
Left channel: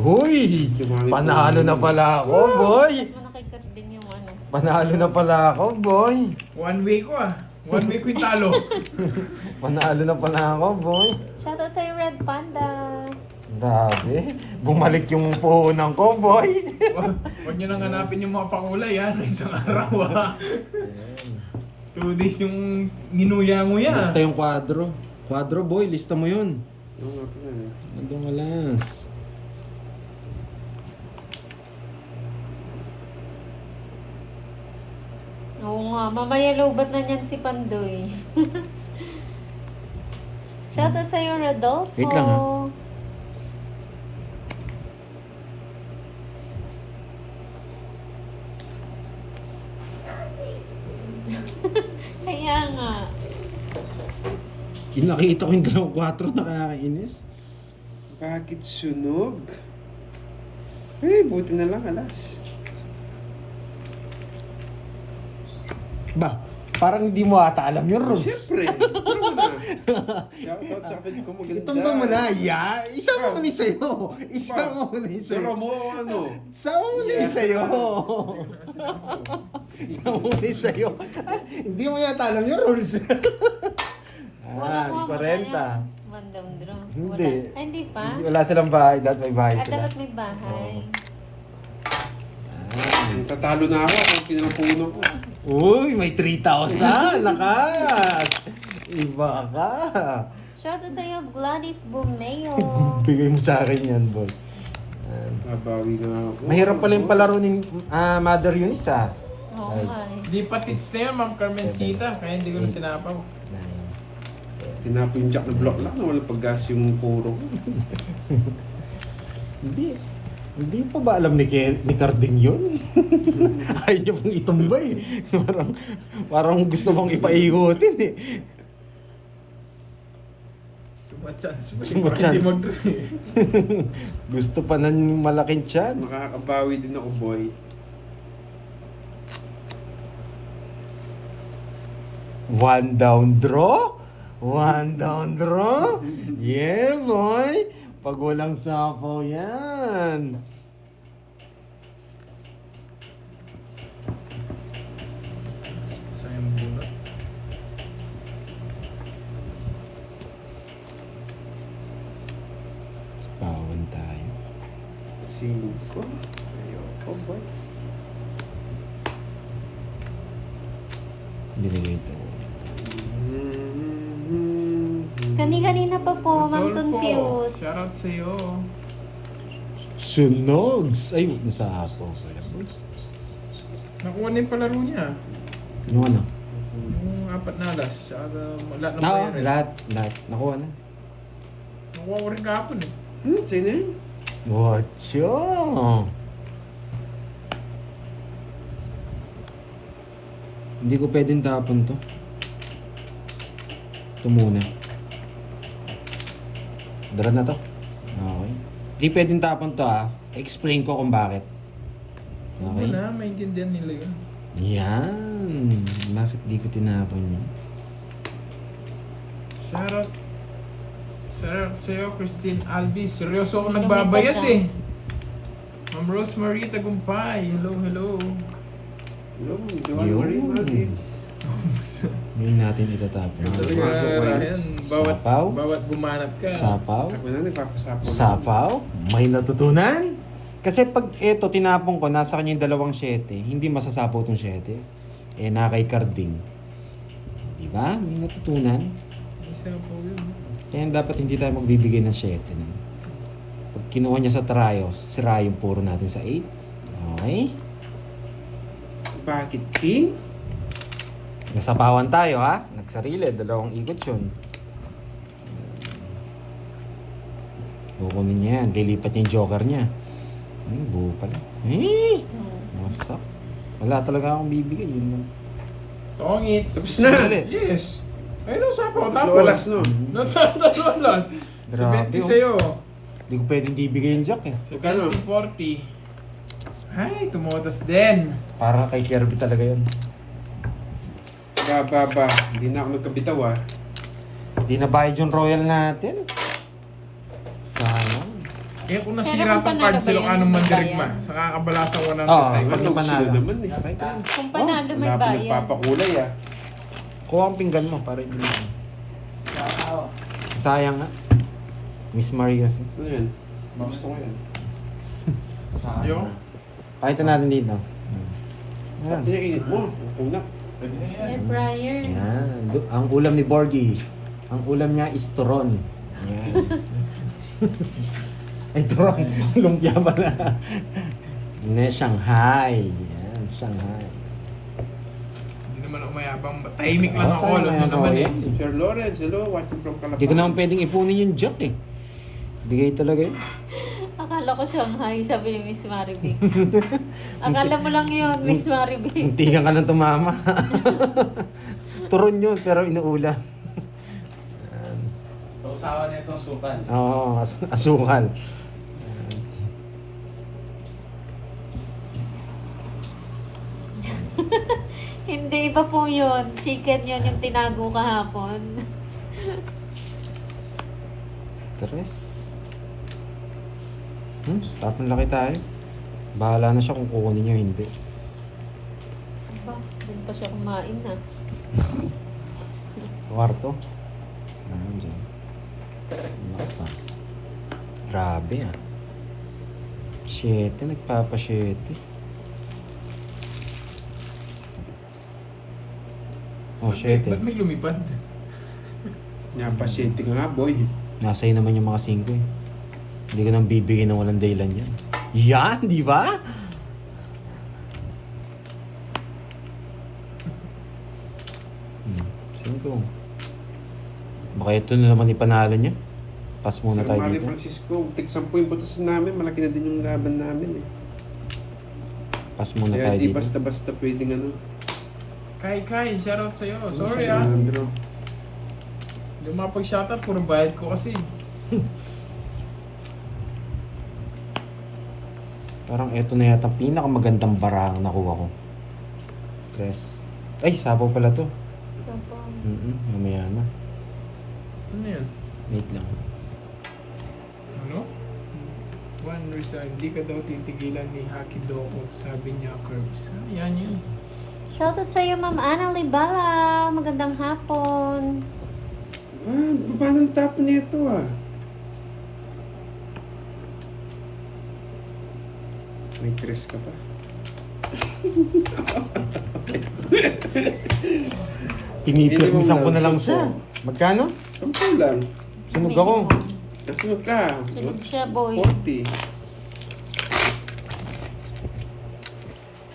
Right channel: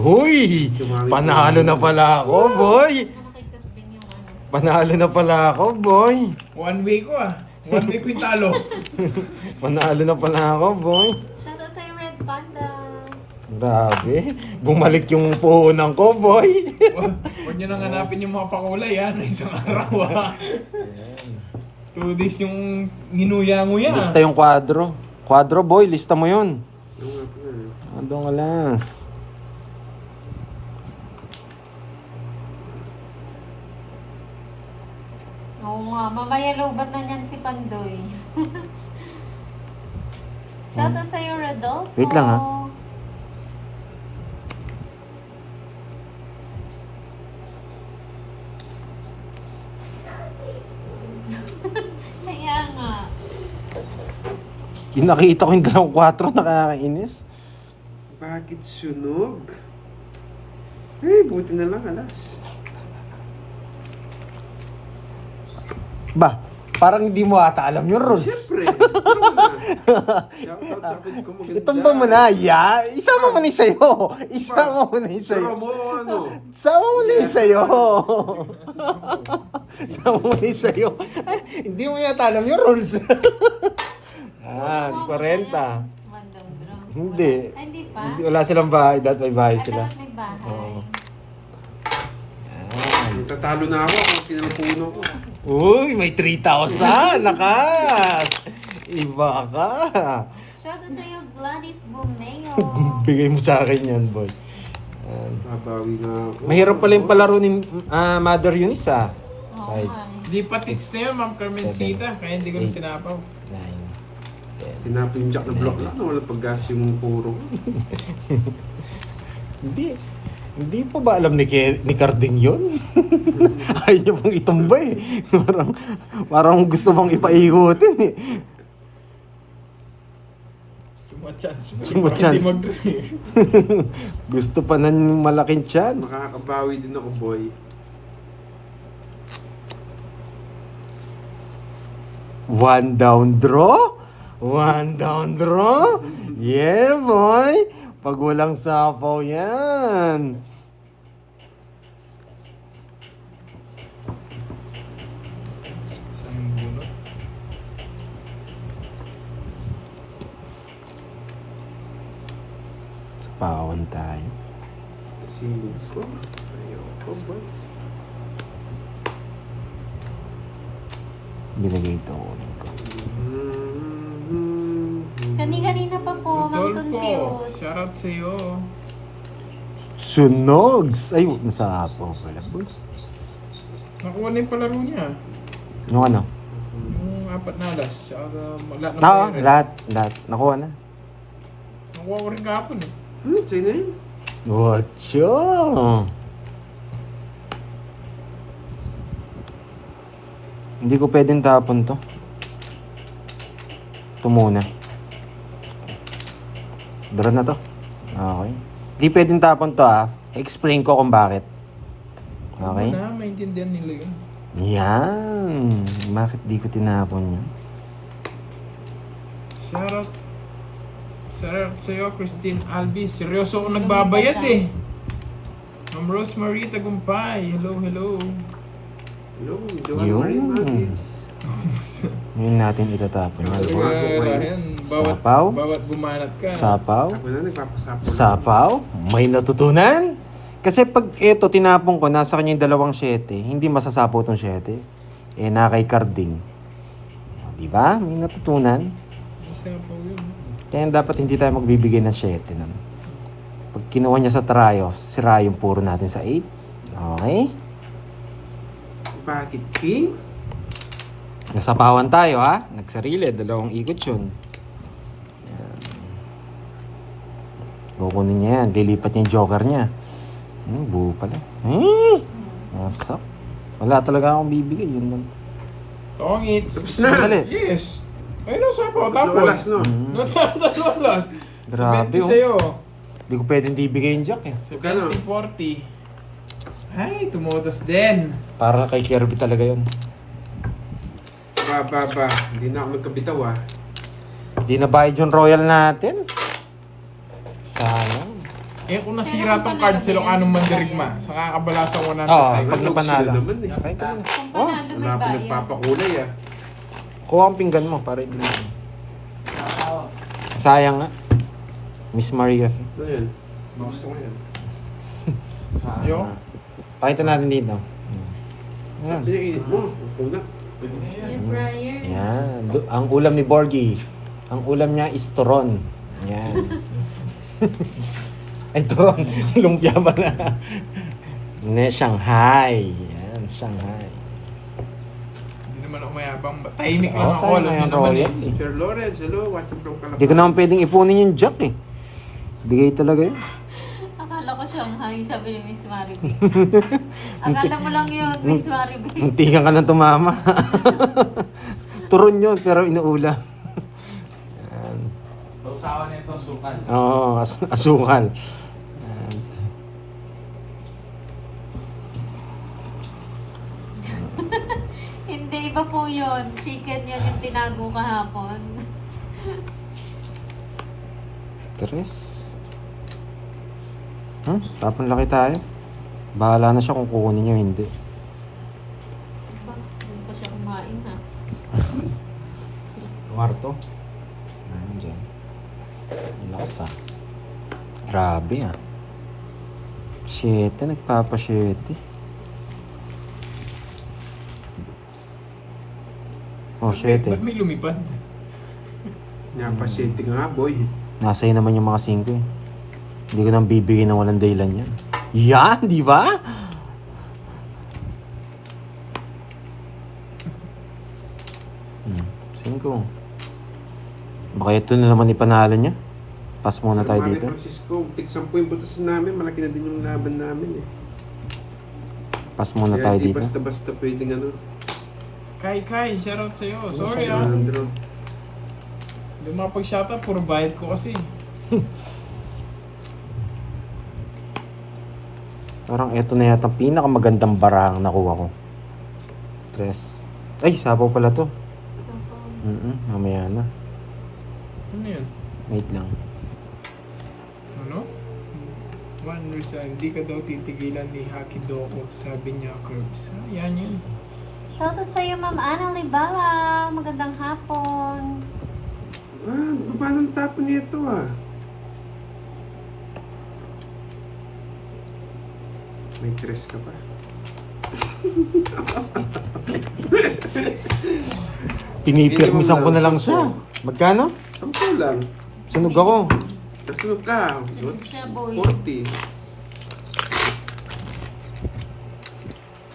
Huy! Dumami Panalo po. na pala ako, boy! Ano kay Captain yung ano? Panalo na pala ako, boy! 1 week ko ah. 1 week ko yung talo. Panalo na pala ako, boy! Shoutout sa'yo, Red Panda. Grabe, bumalik yung puhunan ko, boy! Huwag nyo nang hanapin yung mga pakulay ha. Na isang araw ha. 2 days yung nginuya-nguya. Lista yung kwadro. Kwadro, boy, lista mo yun. Yung nga po yan. Adong alas. Oo nga, mamaya lobat na niyan si Pandoy. Shoutout sa'yo, Rodolfo. Wait lang, ha? Kaya nga. Nakita ko yung 2-4, nakakainis. Bakit sunog? Eh, buti na lang alas. Ba, parang hindi mo ata alam yung rules. Siyempre. Pero na. Shoutout sa akin ko maganda. Itumba mo na, ya. Isama mo na yung sa'yo. Isama mo na yung Pero sa'yo. mo ano? Isama mo na yung sa'yo. Isama mo na yung sa'yo. Hindi mo yata alam yung rules. Ah, 40. Random draw. Hindi. Wala. Ay, hindi pa? Wala silang bahay, dahil may bahay Ah, sila. dapat may bahay. Tatalo na ako kung pinapuno ko. Uy, may 3,000! Nakas! Iba ka! Shoutout sa'yo, Gladys Bumeo. Bigay mo sa akin yan, boy. Nabawi na ako. Mahirap pala yung palaro ni Mother Eunice, ah. Oo Ay. nga. Hindi pa tips na yun, Ma'am Carmencita. Kaya hindi ko na sinapaw. 9. Tinapo yung jack na block lang na wala paggas yung puro. Hindi pa ba alam ni Carding yun? Ayaw niyo pong itumba eh. Parang gusto bang ipaikutin eh. Ma-chance. Ma-chance. Hindi mag-draw. Gusto pa ng malaking chance. Makakabawi din ako, boy. One down draw? One down draw? Yeah, boy! Pag walang sapaw yan. Sayang bunot. Sapawan tayo. Silid ko. Ayoko, boy. Binigay ito. Kani-kanina pa po, I'm Rodolfo, confused. shoutout sa'yo. Sunogs! Ay, huwag na sapaw pala. Nakuha na yung palaro niya. Yung ano? Yung 4 na alas. Tsaka lahat ng Oo, player. lahat. Nakuha na. Nakuha ko rin kahapon eh. Sa'yo na yun? Whatcho? Hindi ko pwedeng tapon to. Ito muna. Draw na to. Okay. Hindi pwedeng tapon to Explain ko kung bakit. Okay? Ano na, maintindihan nila yun. Yan. Bakit di ko tinapon yun? Shoutout. Shoutout sa'yo, Christine Albi. Seryoso ako Hindi nagbabayad naman eh. Ma'am Rosemary Tagumpay. Hello, hello. Hello, Joanne Yun. Marie Maldives. Yun natin itatapon. Talaga, Ryan, Sapaw? bawat bumanat ka. Sapaw? Ako na, nagpapasapo lang. Sapaw? May natutunan? Kasi pag ito tinapon ko, nasa kanya yung 2 7, hindi masasapaw tong 7. Eh, na kay Carding. O, diba? May natutunan. Sapaw yun. Kaya dapat hindi tayo magbibigay ng 7. No? Pag kinuha niya sa Trayo, sira yung puro natin sa 8. Okay? Bakit, King? Nasapawan tayo Nagsarili, 2 ikot yun. Kukunin niya yan, lilipat niya yung joker niya. Buo pala. Nasa. Wala talaga akong bibigay yun lang. Tongits. Tapos na. Dali. Yes. Ayun ang sapaw. Tapos. Walas, no? Natatalas. Grabe, 70 sa'yo. Hindi ko pwedeng bibigay yung jack 70-40. Ay, tumotas din. Para kay Kirby talaga yun. Ba. Hindi na ako nagkabitaw, Hindi na bayad yung royal natin. Sana. Eh kung nasira tong card sa Ilocano Mandirigma, sa kakabala sa 100 Oo. tayo. Ano Ano panalo? sila naman eh. Kahit ano. Kung panalo may Wala pa bayan. nagpapakulay Kuha ang pinggan mo para ibigay. Sayang nga. Miss Maria kasi. Ano yan? Gusto ko yan. Yo. Pakita natin dito. Ayan. Hindi, init mo. Una. Air fryer. Yan. Ang ulam ni Borgie. Ang ulam niya is turon. Yan. Ay, turon. Lumpia pala. Shanghai. Yan, Shanghai. Hindi naman ako mayabang. Tahimik lang Oo, ako. sayang Alam na niyo yung naman royal. eh. Sir Lawrence, hello. Watching from Calabas. Hindi ko naman pwedeng ipunin yung jack Bigay talaga yun. Akala ko Shanghai, sabi ni Miss Maribel. Akala mo lang yun, Miss Maribel. Muntikan ka na tumama. Turon yun, pero inuula. Sausawan niya itong sukan. Oo, asukal. Hindi, iba po yun. Chicken yun yung tinago kahapon. Tres. Tapon laki tayo. Bahala na siya kung kukunin niya o hindi. Diba? Doon pa siya kumain Kwarto. Ayun dyan. Lakas Grabe 7, nagpapa-7. Oh, 7. Ba't may lumipad? Napasyente ka nga, boy. Nasa'yo naman yung mga 5 Hindi ko nang bibigyan ng walang dahilan yan. Yan, di ba? Cinco. Baka ito na naman ipanalo niya. Pass muna Sir tayo Mario dito. Francisco, tig-10 yung butas namin. Malaki na din yung laban namin eh. Pass muna Kaya tayo hindi dito. basta-basta pwedeng ano. Kai, shoutout sa'yo. Sorry Alejandro. Hindi makapag-shoutout, puro bayad ko kasi. Parang ito na yata ang pinakamagandang barang nakuha ko. Tres. Ay, sabaw pala to. So, po. Mamaya na. Ano yan? Wait lang. Ano? One reason, hindi ka daw titigilan ni Haki Doko, sabi niya, Curbs. Yan yun. Shoutout sa'yo, Ma'am Ana Libala. Magandang hapon. Paano ang tapon nito May tres ka pa. Pinipirmisan ko na lang siya. Magkano? 10 lang. Sunog ako. Nasunog ka. Sunog siya, boy. 40.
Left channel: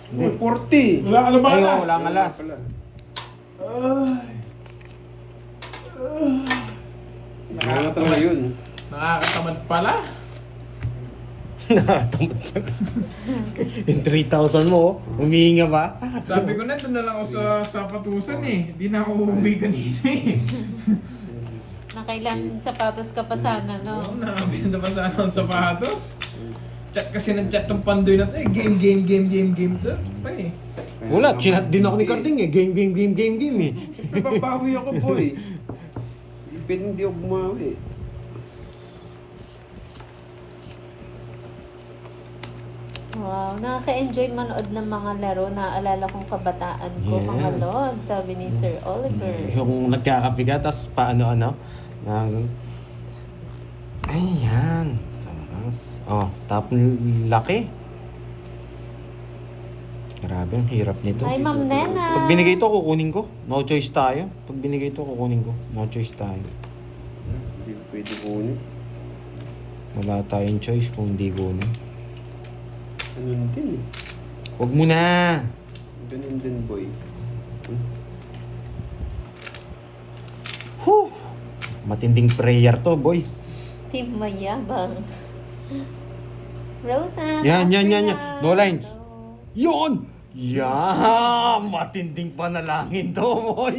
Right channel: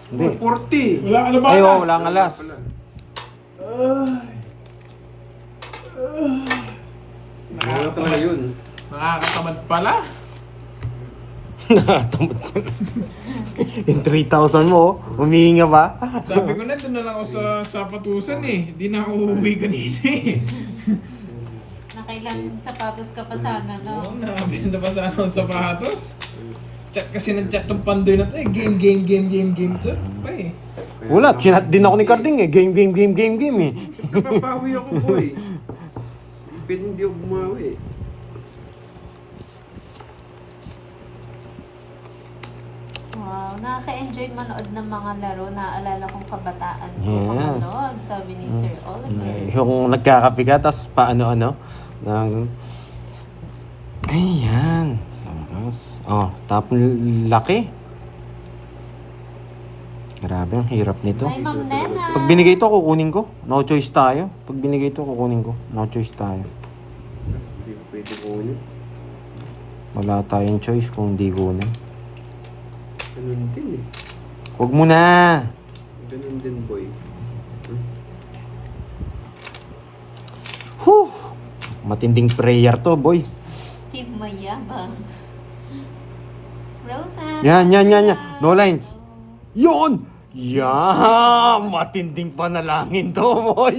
Hindi. 40. Wala ka na ba? Ayaw, Alas? wala nga alas. Wala talaga yun. Nakakatamad pala. Nakatamad ko na. Yung 3,000 mo, humihinga ba? Sabi ko na, doon na lang ako sa sapatusan eh. Hindi na ako uuwi kanina eh. Nakailan sapatos ka pa sana, no? Oo, nakabenta pa sana ang sapatos. Chat kasi ng chat ng pandoy na to eh. Game to. Pa eh. Wala, chinat din ako ni Carding eh. Game eh. Napapawi ako, boy. Pwede hindi ako bumawi. Wow, nakaka-enjoy manood ng mga laro. Naalala kong kabataan ko, mga Yes. lord, sabi ni Sir Oliver. Yung nagkakape ka, tapos paano-ano. Ayan. Nice. Oh, tapos laki. Grabe, ang hirap nito. Hi, Ma'am Nena. Pag binigay ito, kukunin ko. No choice tayo. Pag binigay ito, kukunin ko. No choice tayo. Hindi ko pwede kunin. Wala tayong choice kung hindi kunin. Ganun din eh. Huwag mo na. Ganun din, boy. Whew. Matinding prayer to, boy. Team Mayabang. Rosa. Yan. Pascal. No lines. Yon! Yan! Matinding panalangin to, boy.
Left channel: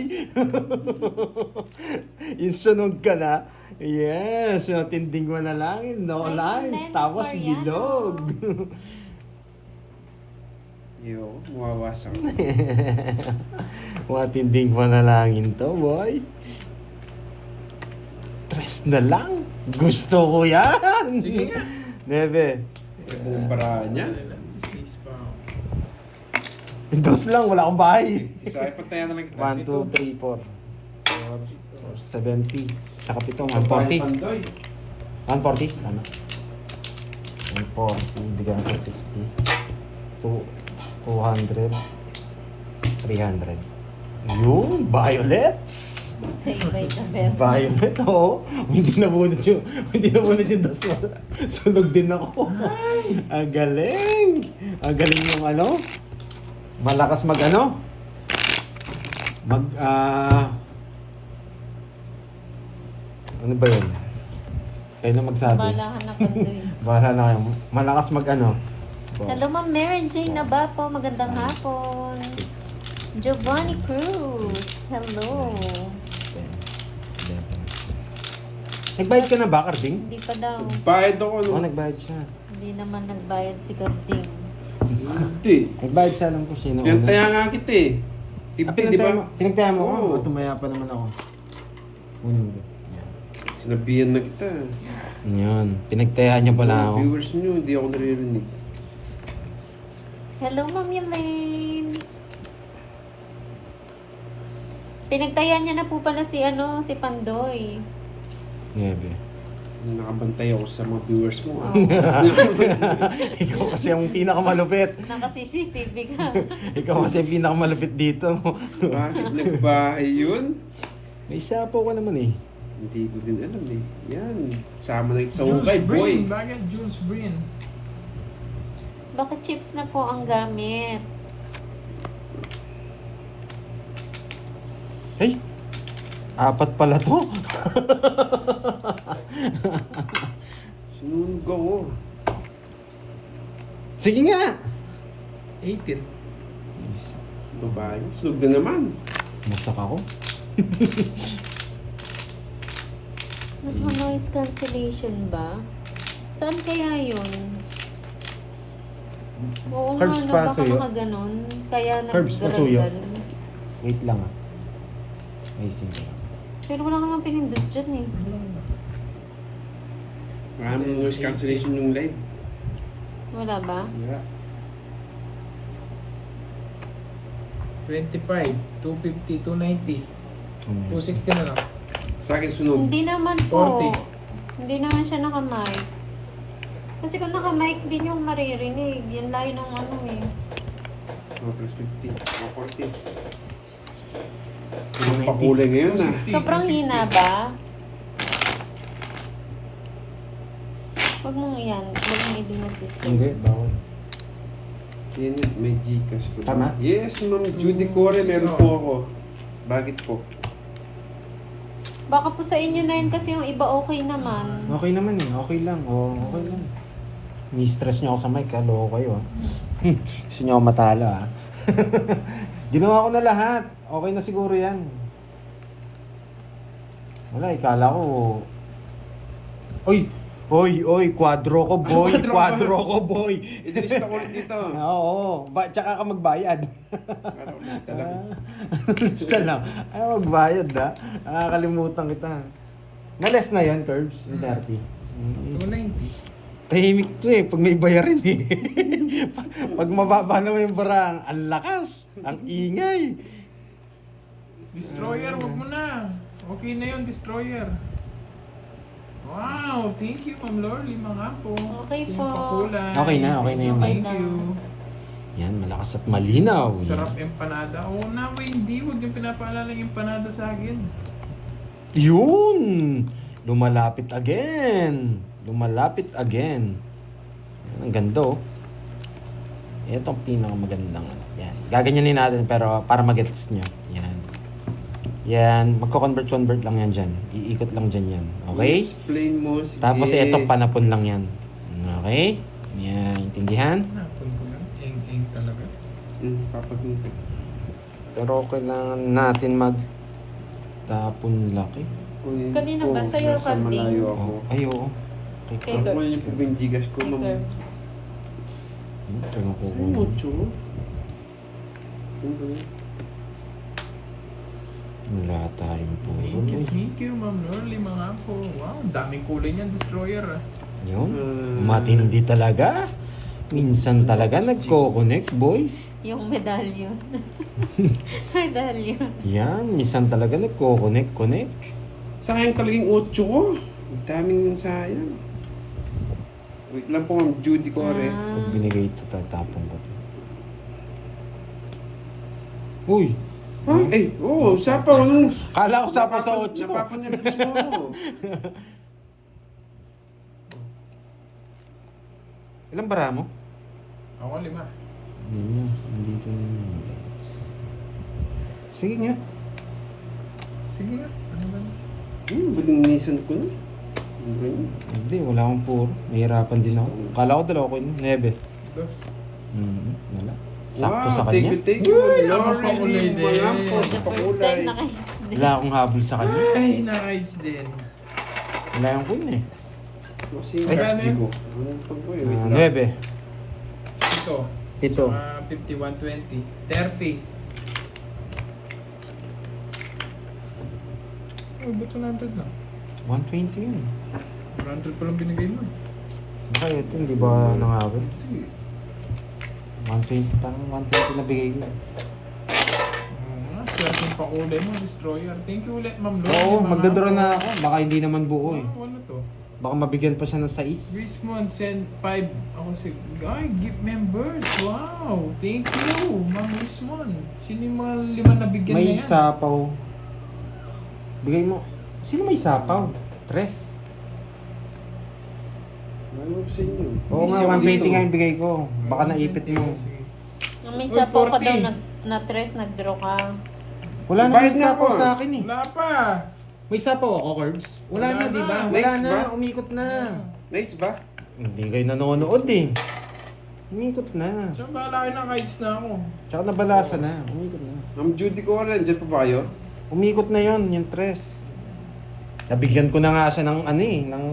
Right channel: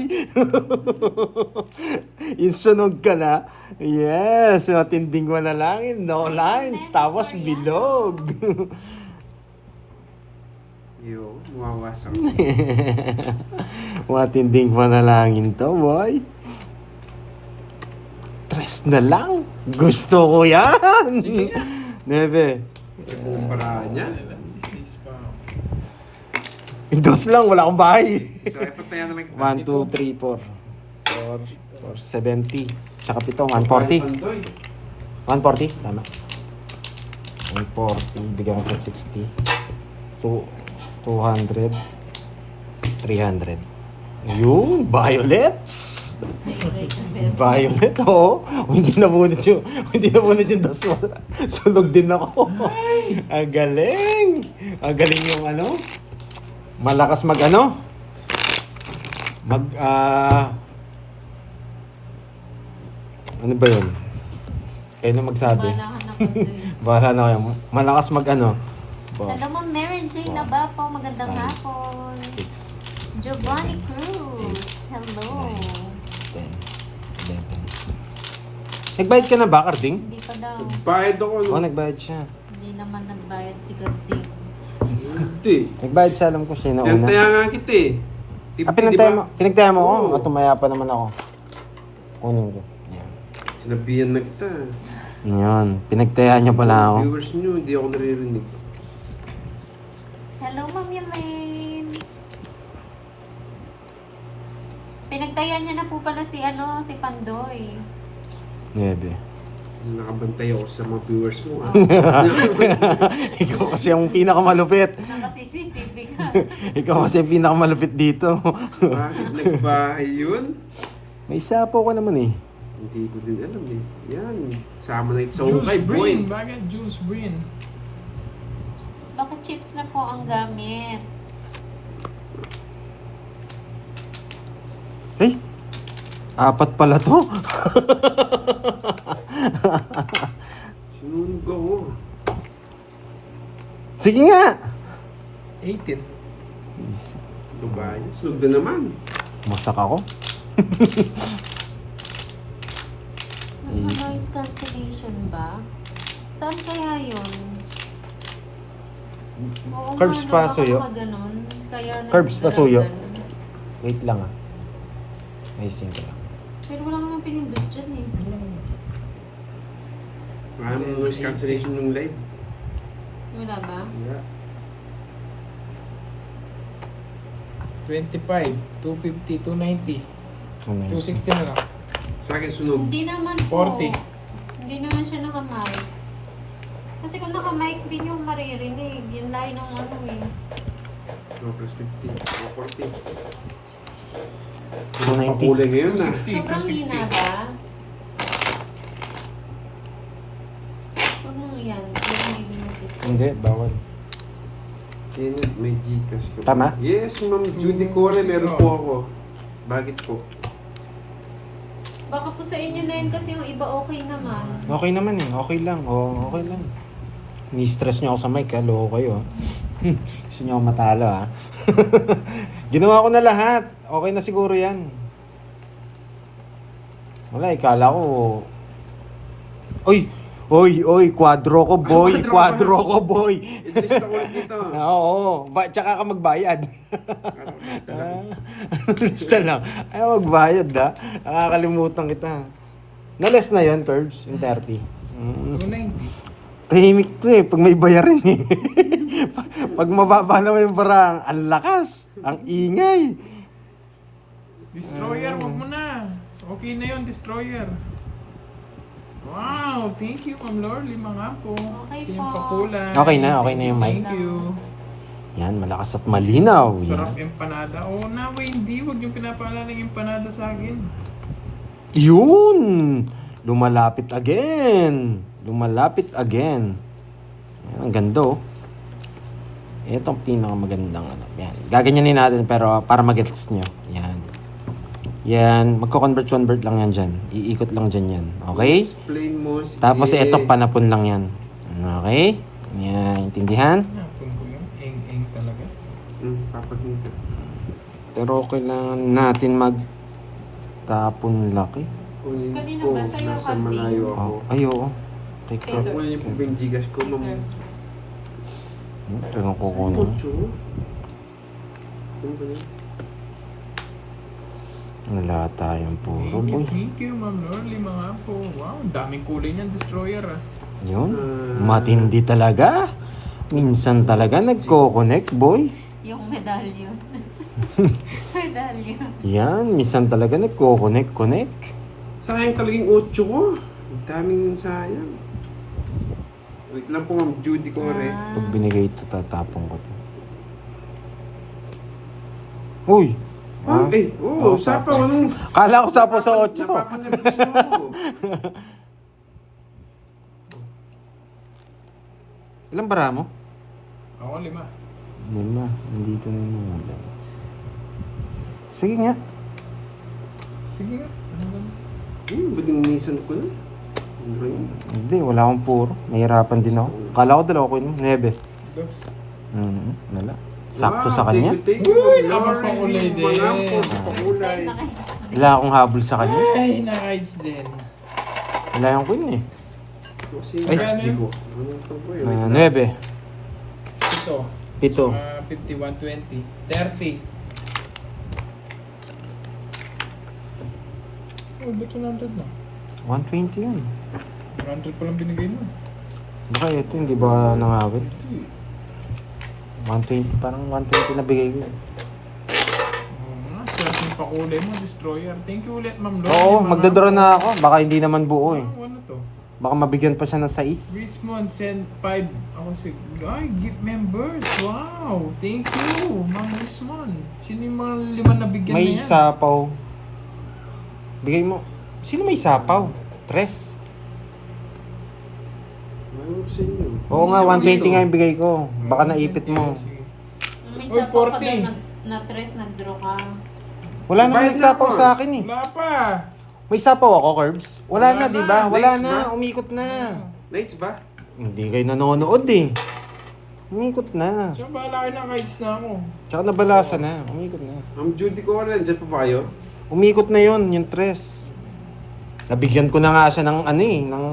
Yung sunog ka na. Yes, matinding panalangin. No lines. Tapos bilog. Yo, mawawasak. Matinding panalangin to, boy. Tres na lang. Gusto ko yan. Sige nga. Nebe. Pwede ng paraan niya. Business pa. Dos lang, wala akong bahay. Sa akin, patayan na lang kita. 1, 2, 3, 4, 4, 70. Saka pito, 140. Pandoy. 140, tama. 140, bigyan ko 60. 200. 300. Yung violets. Say-bye ka, Beth. Violet, oo. Hindi nabunod yung dos mo. Sunog din ako. Ang galing. Ang galing yung ano. Malakas mag ano. Ano ba yun? Kayo na magsabi. Malahan na pandoy. Bahala na kayo. Malakas mag ano. Hello, Ma'am Mary Jane Nabapo. Magandang hapon. 6, Giovanni Cruz. Hello. 10, 11. Nagbayad ka na ba, Carding? Hindi pa daw. Bayad ako, Oo, no? nagbayad siya. Hindi naman nagbayad si Garding. Hindi. Nagbayad siya, alam ko siya na una. Pinantaya nga kita eh. Pinagtaya mo ako? Oo. O tumaya pa naman ako. Kunin ko. Yan. Sinabihan na kita. Yan. Pinagtaya niya pala ako. Viewers nyo, hindi ako naririnig. Hello, Ma'am Elaine. Pinagtayan niya na po pala si Pandoy. Nebe. Nakabantay ako sa mga viewers mo. Ikaw kasi ang pinakamalupit. Naka-CCTV ka. Ikaw kasi ang pinakamalupit dito. Bakit nagbahay yun? May sapo ko naman eh. Hindi ko din alam eh. Yan. Sama na sa Jules hukay, boy. Breen. Bakit Jules Breen? Bakit chips na po ang gamit? Ay! Apat pala to. Sinunog ako. Sige nga! 18. Babae. Sunog na naman. Masak ako. Noise cancellation ba? Saan kaya yun? Oo Curbs nga, pa, baka suyo. nakaganon. Kaya Curbs pa, suyo. nagdaragdan. Wait lang ah. Ayusin ko lang. Pero wala namang pinindot dyan eh. Wala namang noise cancellation yung live. Wala ba? Wala. 25, 250, 290, Ano yun? 260 na lang. Sa akin sunog. Hindi naman po. 40. Hindi naman siya naka-mic. Kasi kung naka-mic din yung maririnig. Yan layo ng ano eh. Oh, plus 50. Oh, 40. 290. Pakulay ngayon na. 260, Sobrang 260. hina ba? Huwag mong yan. Huwag mo hindi mag-display. Hindi, bawal. Yan, may Gcash ko. Tama? Yes, Ma'am Judy Core, meron po ako. Bakit po? Baka po sa inyo na yun kasi yung iba okay naman. Okay naman eh. Okay lang. Oo, okay lang. Ni-stress niyo ako sa mic. Loko kayo. Gusto niyo ako matalo ah. Ginawa ko na lahat. Okay na siguro yan. Wala, ikala ko... Oy, quadro ko boy. Quadro ko boy. Idrista ko ulit dito. Oo, tsaka ka magbayad. Lista lang. Ay, magbayad ha. Nakakalimutan kita. Na-less na yun, Curbs, yung 30. 290. Tahimik to eh, pag may bayarin eh. Pag mababa naman yung barang, ang lakas, ang ingay. Destroyer, wag mo na. Okay na yun, Destroyer. Wow, thank you, Ma'am Lorly, mga po. Okay Sa po. pakulay. Okay na yung mic. Thank you. Yan, malakas at malinaw. Sarap empanada. Oo na, hindi. Huwag yung pinapaalala yung empanada sa akin. Yun! Lumalapit again. Lumalapit again. Ang ganda oh. Ito ang pinakamagandang ano. Yan. Gaganyanin natin pero para mag-gets nyo. Yan. Yan. Magko-convert lang yan dyan. Iikot lang dyan yan. Okay? Explain mo si Tapos itong panapon lang yan. Okay? Yan. Intindihan? Napon ko yun. Eng talaga. Papagunta. Pero okay na natin mag-tapon laki. Kunin Kanina ko, ba sa'yo, nasa Kati? malayo ako. Ay, oo. Teka. Okay. Kunin niyo po ba yung Gcash ko, Ma'am? Curbs. Ito na ko Saan mo, Chu? Ano ba yun? Wala tayong puro boy. Thank you, Ma'am Lorly, mga po. Wow, ang daming kulay niyan, Destroyer. Yun. Matindi talaga. Minsan talaga nagko-connect, boy. Yung medallion. Medallion. Yan, minsan talaga nagko-connect. Sayang talaga yung 8 ko. Ang daming sayang. Wait lang po, Ma'am Judy Core. Pag binigay ito, tatapon ko. Uy! Ah, eh, oo, sapaw. Anong... Kala ko sapa sa 8 ko. Napapanabis mo ako. Ilang bara mo? Ako, 5. Lima. Nandito na naman. Sige nga. Sige nga. Ano ba? Buding nisan ko na. Ano ba yun? Hindi, wala akong puro. Nahirapan din ako. Kala ko dalawa ko yun. 9. Dos. Wala. Sakto sa Thank kanya. you, thank you. Uy, Ma'am ako Lorly, pakulay din. mga po sa First pakulay. time na kayo. Wala akong habol sa kanya. Ay, na-rides din. Wala yung queen eh. Kasi Ay, Cash ano G yun? ko. Anong tawag ko eh? Wait lang. 9. 7. 7. 50, 120. 30. Oh, ba't 100 na? 120 yan. 100 pa lang binigay mo. Baka ito, hindi ba nangagad? 120, parang 120 na bigay ko. Oo nga, swerte yung pakulay mo, Destroyer. Thank you ulit, Ma'am Lorly. Oo, mga magdodraw po. na ako. Baka hindi naman buo eh. Oh, ano to? Baka mabigyan pa siya ng 6. Rismond send 5. Ako si... Ay, gift members. Wow. Thank you, Ma'am Rismond. Sino yung mga 5 na bigyan May na yan? sapaw. Bigay mo. Sino may sapaw? Tres. Ano sa inyo? Oo nga, Hindi 120 nga yung bigay ko. Baka naipit mo. Sige. Nung may Uy, sapaw ka 40. daw, na-tres, nag-draw ka. Wala na Bayad may na sapaw ako. sa akin eh. Wala pa. May sapaw ako, Curbs? Wala Wala na, na. di ba? Wala Lights na, ba? umikot na. Lights ba? Hindi kayo nanonood eh. Umikot na. Siya, bahala kayo na kites na ako. Tsaka nabalasa na. Umikot na. Ma'am Judy Core, dyan pa ba kayo? Umikot na yon yung tres. Nabigyan ko na nga siya ng ano eh, ng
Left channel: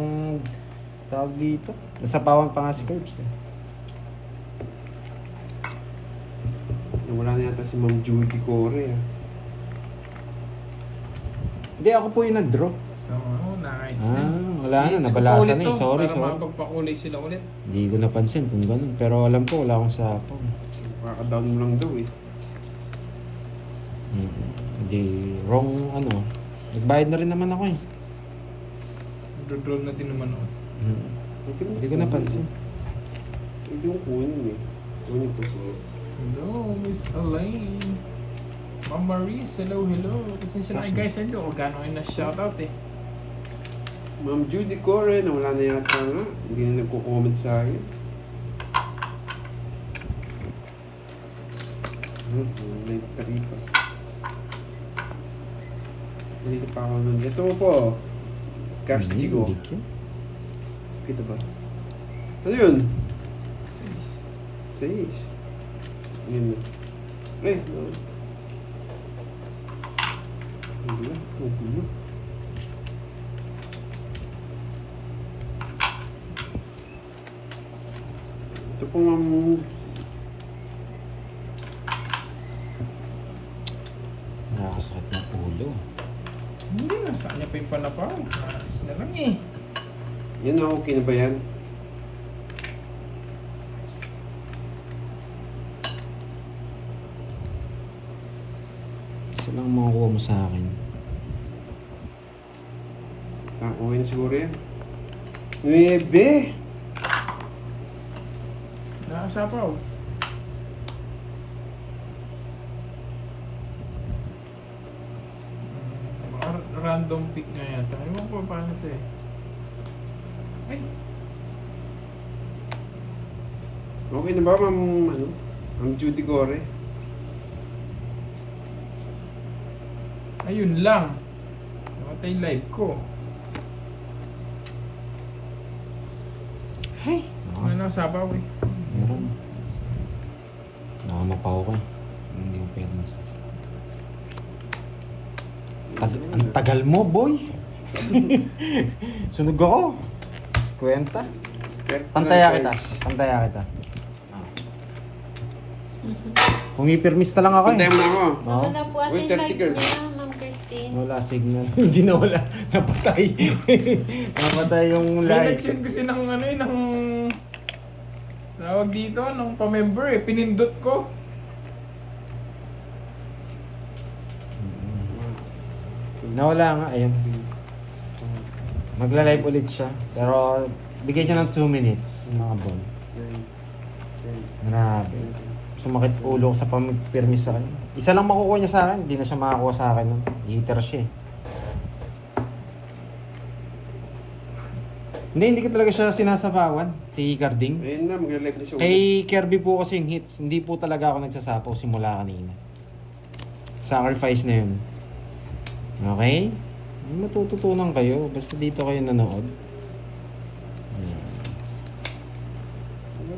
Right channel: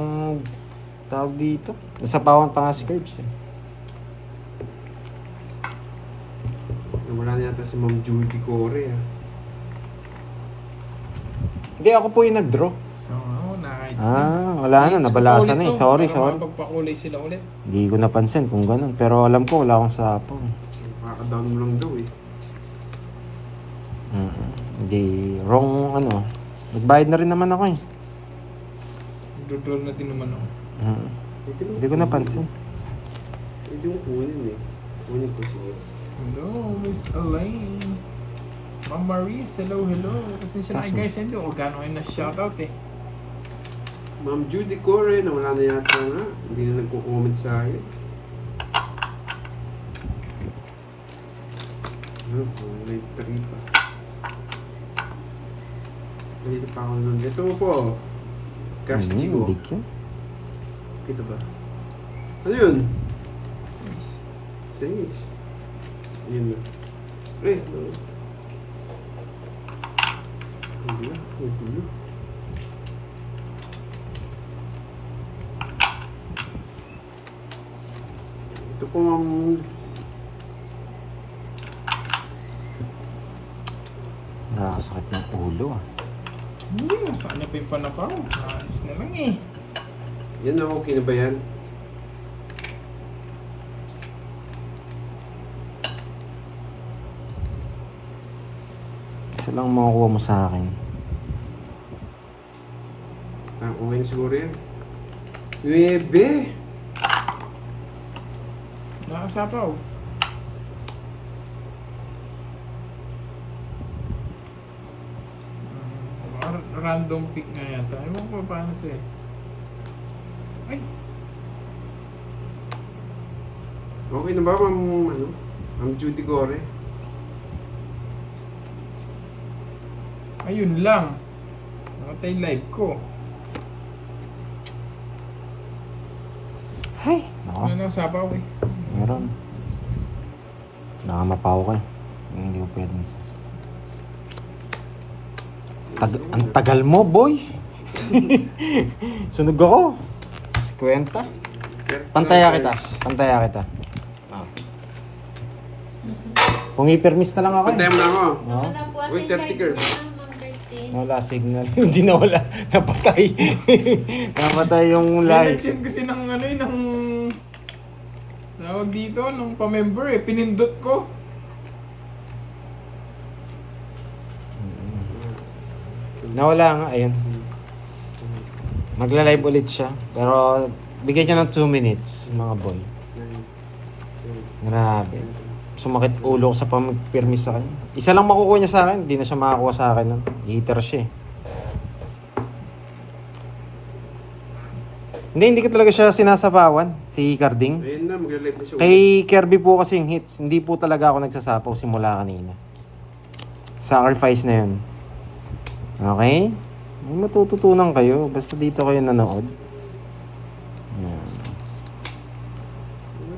tawag dito. Nasapawan pa nga si Curbs eh. Wala na yata si Ma'am Judy Core. Hindi, ako po yung nag-draw. So, nice. Wala na, nabalasan na eh. Sorry. Mapagpakulay sila ulit. Hindi ko napansin kung ganun. Pero alam ko, wala akong sapo. Makaka-down mo lang daw eh. Hindi, wrong ano. Nagbayad na rin naman ako eh. Dodraw na din naman ako. Hindi ko napansin. Hindi mo kunin eh. Kunin ko siya. Hello, Miss Elaine. Ma'am Marie, hello. Pasensya na kayo guys, hindi ko gano'n kayo na-shoutout eh. Ma'am Judy Core, nawala na yata nga. Hindi na nagko-comment sa akin. May taripa. Dito pa ako nun. Dito mo po. Cash Chico. Kita ba? Ano yun? Sais. Yun yun. Eh, no. Ang gulo. Ito po ang Nakasakit ng ulo ah. Hindi, nasaan niya pa yung panapaw. Nice na lang eh. yan na okay na ba yan? Isa lang makukuha mo sa akin. Okay na siguro yan. 9! Nakasapaw. Random pick nga yata. Ewan ko paano ito eh. Ay! Okay na ba, Ma'am Judy Core? Ayun lang. Nakatay live ko. Ay! Nako, Ano nakasapaw eh. meron. Nakamapaw ka. Hindi ko pwede na ang tagal mo, boy. Sunog ako. Kwenta. Pantaya kita. Kung i-permiss na lang ako eh. Pantay mo na ako. Oo. Ano na po Uy, ating 30 live girls. niya, Ma'am Christine? Wala signal. Hindi na wala. Napatay. Napatay yung May live. nag-send kasi ng ano eh, ng tawag dito, ng pa-member eh. Pinindot ko. Nawala nga, ayun. Magla-live ulit siya. Pero bigyan niya ng 2 minutes, mga boy. Grabe. Sumakit ulo ko sa pamag-permis sa kanya. Isa lang makukuha niya sa akin, hindi na siya makakuha sa akin nun. Hater siya eh. Hindi ko talaga siya sinasapawan, si Carding. Ayun na, magla-live na siya. Kay Kirby po kasi yung hits, hindi po talaga ako nagsasapaw simula kanina. Sacrifice na yun. Okay? May matututunan kayo, basta dito kayo nanood.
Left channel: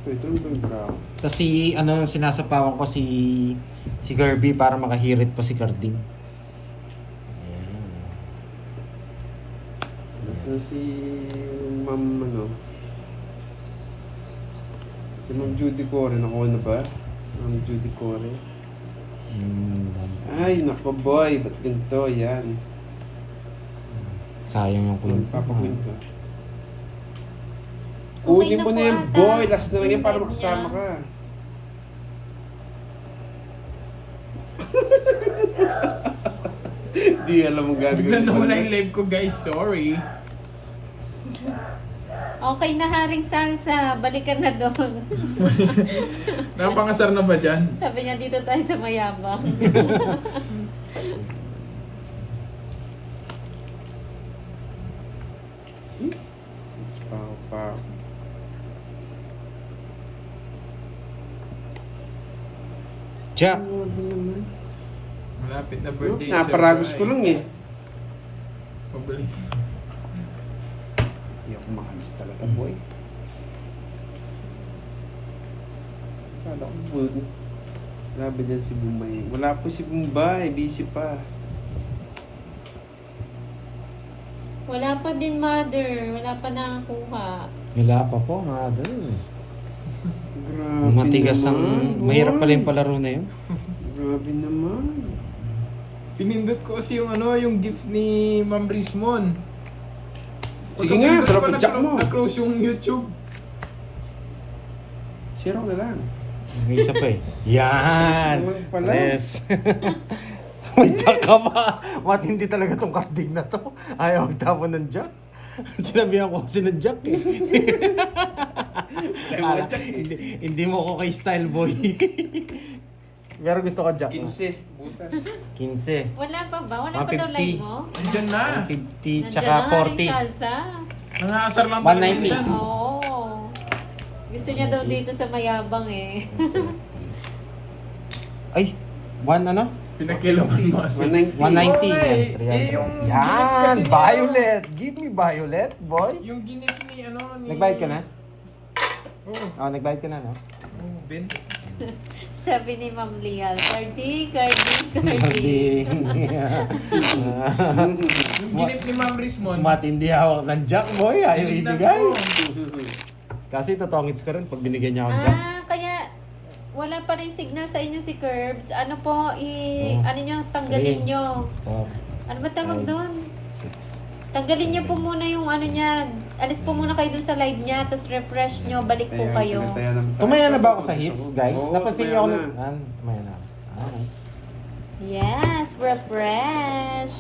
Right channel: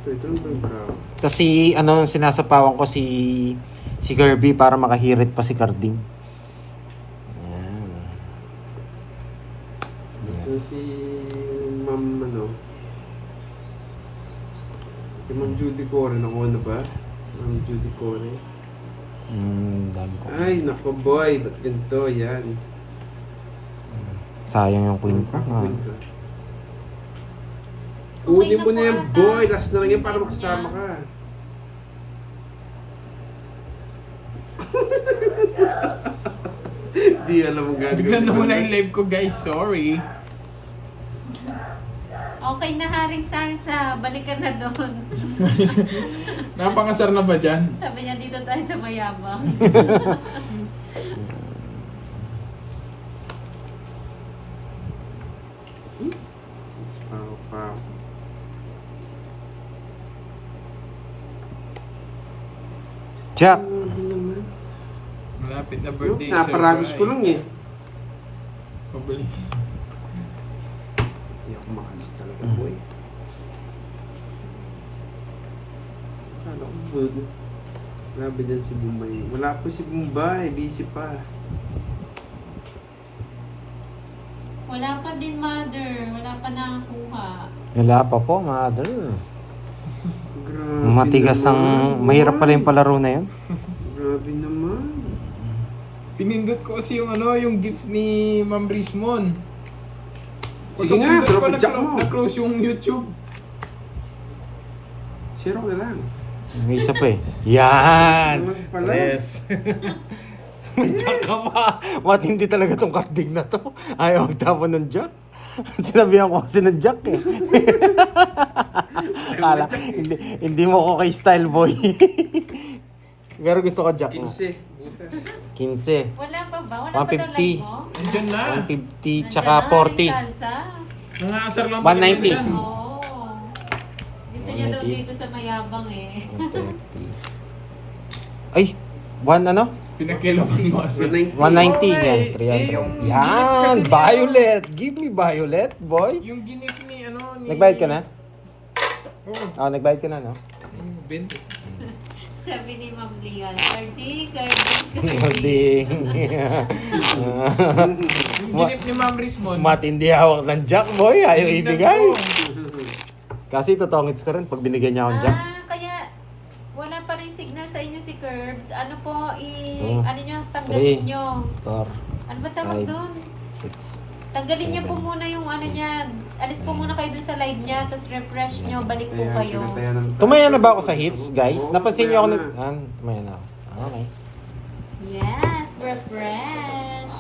Ito lang ba yung brown? Kasi sinasapawan ko si Kirby para makahirit pa si Carding. Nasa si Ma'am si Ma'am Judy Core, nakuha na ba? Ma'am Judy Core. Dami ko. Ay, nako boy, ba't ganito? Yan. Sayang yung queen ko. Papakwin ka. Okay Unin na mo po na yan, ata. boy. Last na lang yan para Live makasama niya. ka. Di alam mo Bigla gagawin. na wala yung live ko guys, sorry. Okay na Haring Sansa, balikan na doon. Napangasar na ba dyan? Sabi niya dito tayo sa Mayabang. Pa. Jack! Malapit na birthday. Naparagos ko lang eh. Pabalik. Hindi ako makalis talaga, boy. Kala ko, boy. Wala ba dyan si Bombay? Wala po si Bombay. Busy pa. Wala pa din, mother. Wala pa nakakuha. Wala pa po, mother. Grabe Matigas ang... naman, Mahirap pala boy. yung palaro na yun. Grabe naman. Pinindot ko kasi yung yung gift ni Ma'am Rismon. Sige nga, Pagka-pindot drop ko, and jack mo. Na-close yung YouTube. Zero na lang. May isa pa eh. Yan! Naman pala. Yes. May jack ka pa. Matindi talaga tong kardig na to. Ayaw magtapon ng jack. Sinabihan ko kasi ng jack eh. Kala, hindi mo ako kay style boy. Pero gusto ko jack mo. 15. Butas. 15. Wala pa ba? Wala pa daw 150. live mo? Andyan na. 150 tsaka Nandiyan na, 40. Haring salsa. Nangaasar lang 190. talaga dyan. Oo. Gusto niya daw dito sa mayabang eh. Ay, ano? Pinakilaman mo kasi. 190. 190. Okay. Yan, yung yan, gift kasi ni violet. Give me violet, boy. Yung gift ni ni... Nagbayad ka na? Oh, nagbayad ka na, no? Ben. Sabi ni Ma'am Lial, Cardi, Cardi, Cardi. Hindi. Yung gift ni Ma'am Rismon. Matindi hawak ng jack, boy. Ayaw Tingnan ibigay. ko. Kasi totongits ko rin pag binigyan niya akong jack. Kaya wala pa rin signal sa inyo si Curbs. Ano po, Hmm. ano nyo, tanggalin Three. nyo. Four, Ano ba tawag Five. doon? six. Tanggalin niyo po muna yung ano niya. Alis po muna kayo dun sa live niya, tapos refresh nyo, balik po kayo. Tumaya na ba ako sa hits, guys? Oo, Napansin niyo ako tumaya nag... Tumaya na ako. Okay. Yes, refresh.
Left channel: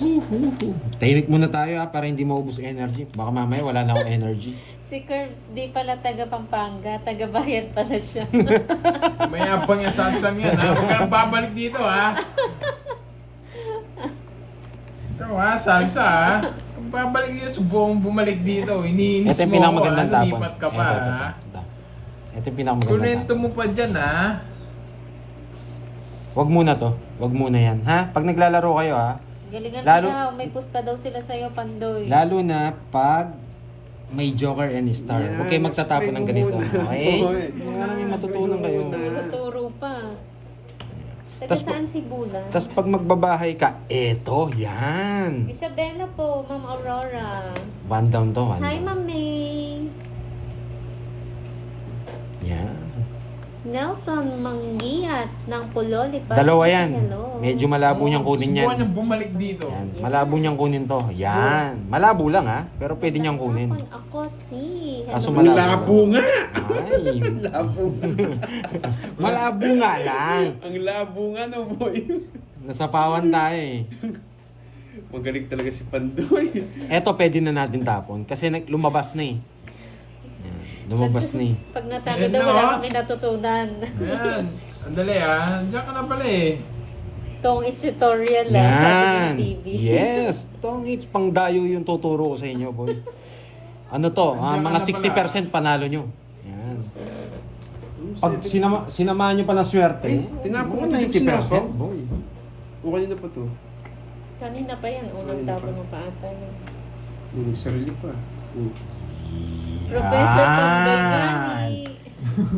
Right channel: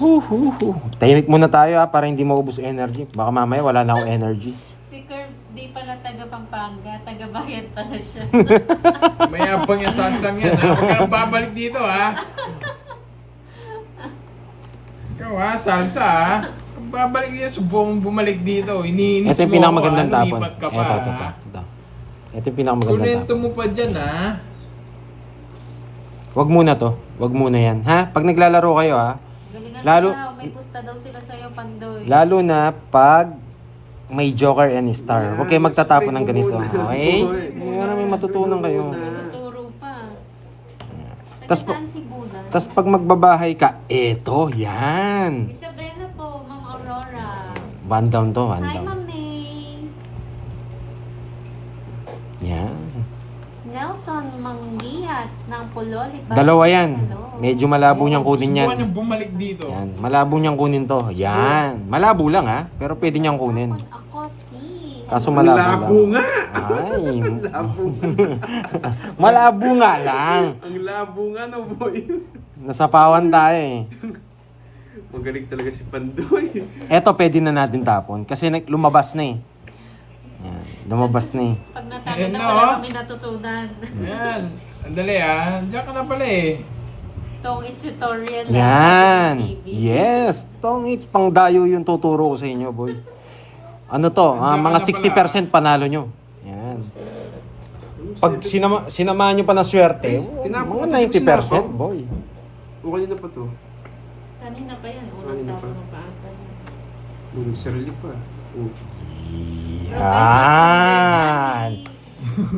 Tahimik muna tayo ha, para hindi maubos yung energy. Baka mamaya wala na akong energy. Si Curbs di pala taga Pampanga, taga bayan pala siya. Mayabang yung sansang yan, ha? Huwag ka nang babalik dito, ha? Ikaw, ha? Salsa, ha? Kung babalik dito, subong bumalik dito. Iniinis Ito yung mo ako, ha? pinakamagandang tapon. Lumipat ka pa, ha? Ito yung pinakamagandang Kunento tapon. mo pa dyan, ha? Wag muna to. Wag muna yan. Ha? Pag naglalaro kayo ha. Galingan Lalo- mo daw, may pusta daw sila sa'yo, Pandoy. Lalo na pag may joker and star. Huwag kayo magtatapon ng ganito. Okay? Yan, matutunan kayo. Turo pa. Taga Tas- saan si Bula? Tapos pag magbabahay ka, eto, yan. Isabela po, Ma'am Aurora. One down to, one Hi, down. Ma'am May. Yan. Nelson Mangiat ng Puloli. Dalawa yan. Hello. Medyo malabo niyang kunin yan. Subukan niyang bumalik dito. Yan. Malabo niyang kunin to. Yan. Malabo lang ha. Pero pwede niyang kunin. Ako si. Kaso Ang labo nga! Ay. Labo nga. Malabo nga lang. Ang labo nga no, boy. Nasapawan tayo eh. Magaling talaga si Pandoy. Eto pwede na natin tapon. Kasi lumabas na eh. Yan. Lumabas na eh. Pag natalo Ayun daw, na, wala oh. kami natutunan. Ayan. Andali, ha? Diyan ka na pala, eh. Itong is tutorial lang, sabi Yan. ni TV. Yes. Tong it's pang dayo yung tuturo ko sa inyo, boy. Ano to? Nandiyan Mga ka na 60% panalo nyo. Yan. Pag sinamahan nyo pa ng swerte, tinapon mga ko, 90%, boy. O kanina pa to. Kanina pa yan, unang Kanina tapo pa. mo pa ata. Nagsarili pa. Oh. Professor Yan. Pambegani.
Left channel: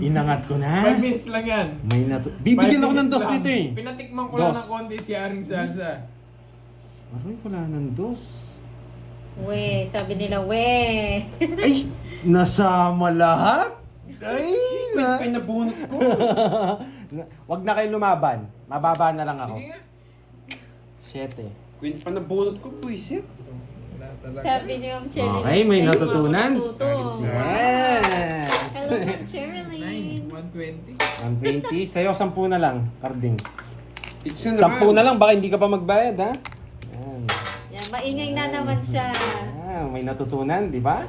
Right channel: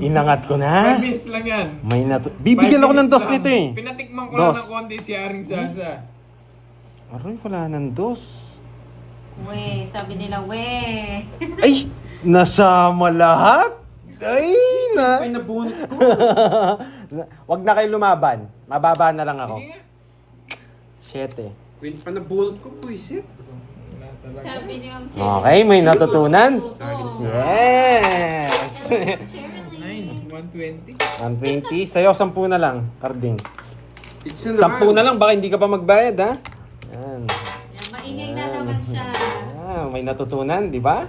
Inangat ko 5 na. minutes lang yan. May Bibigyan 5 ako ng minutes dos lang. nito eh. Pinatikman ko lang Dos. ng konti si Aring Salsa. Aroy, wala ng dos. We, sabi nila, we. Ay! Nasama lahat? Ay! Ay, nabunot ko. Wag na kayo lumaban. Mababa na lang ako. Sige nga. 7. Queen pa nabunot ko, puisit. Sabi ni Ma'am Cherry. Okay, may natutunan. Matuto. Yes! Hello, Ma'am Cherilyn. 120. 120. Sa'yo, 10 na lang, Carding. It's na 10 na lang, baka hindi ka pa magbayad, ha? Yan. Yan, maingay na naman siya. Ah, may natutunan, di ba?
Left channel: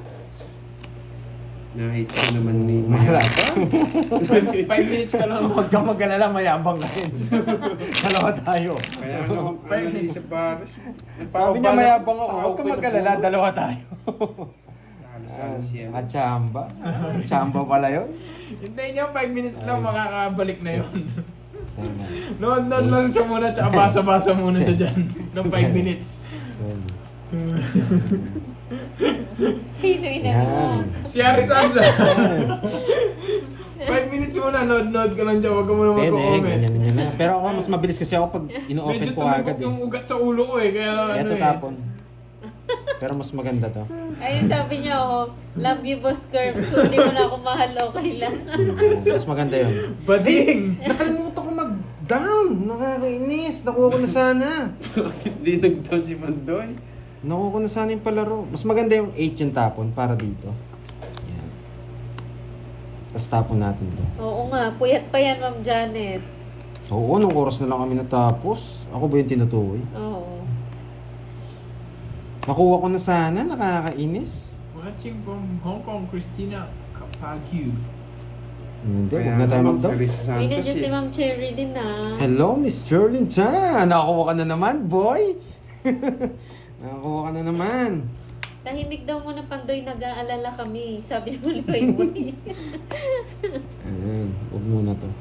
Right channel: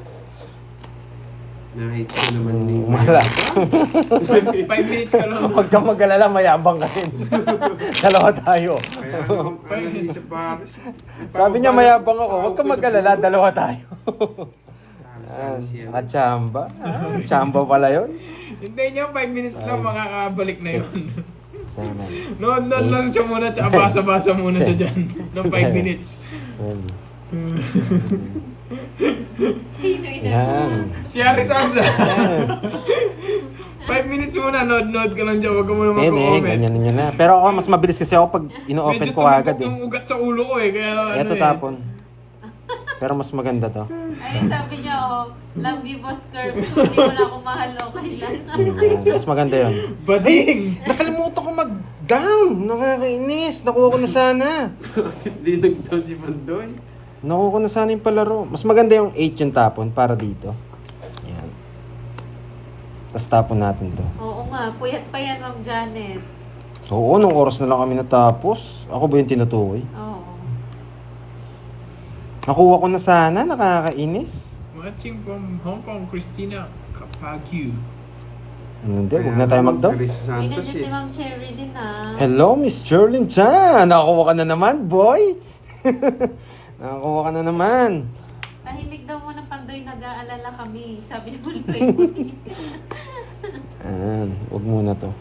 Na-hits na naman ni Wala. 5 minutes ka lang. Huwag kang mag-alala, mayabang ka rin. Dalawa tayo. Kaya ano, naisip pa. Sabi niya mayabang ako, huwag kang mag-alala, dalawa tayo. Sana siya. Chamba. Chamba pala yun. Hintayin niyo 5 minutes lang, makakabalik na yun. Sana. Noon lang siya muna, tsaka basa-basa muna siya dyan. Ng 5 minutes. Sino ina mo? Yan. Si Aring Salsa. Yes. 5 minutes muna, nod ka lang dyan, huwag ka muna Pwede, mag-comment. ganyan na. Pero ako, mas mabilis kasi ako pag ino-open Medyo ko agad tumibok eh. yung ugat sa ulo ko eh, kaya Eto ano eh. tapon. Pero mas maganda to. Ay, sabi niya, oh, love you, Boss Curve. So, hindi mo na ako mahal, okay lang. Mas maganda yun. Bading! Nakalimutan ko mag-down. Nakakainis. Nakuha ko na sana. Hindi nag-down si Pandoy. Nakuha ko na sana yung palaro. Mas maganda yung 8 yung tapon para dito. Yan. Tapos tapon natin to. Oo nga, puyat pa yan, Ma'am Janet. Oo, nung oras na lang kami natapos. Ako ba yung tinutukoy? Oo. Nakuha ko na sana. Nakakainis. Watching from Hong Kong, Christina Kapagyu. Hindi, huwag na tayo mag-down. Teresa Ay, Santos nandiyan si eh. Ma'am Cherry din, ah. Hello, Miss Sterling Chan. Nakakuha ka na naman, boy. Nakakuha ka na naman. Tahimik daw mo na Pandoy, nag-aalala kami. Sabi mo, Loy. Ayan, huwag muna to.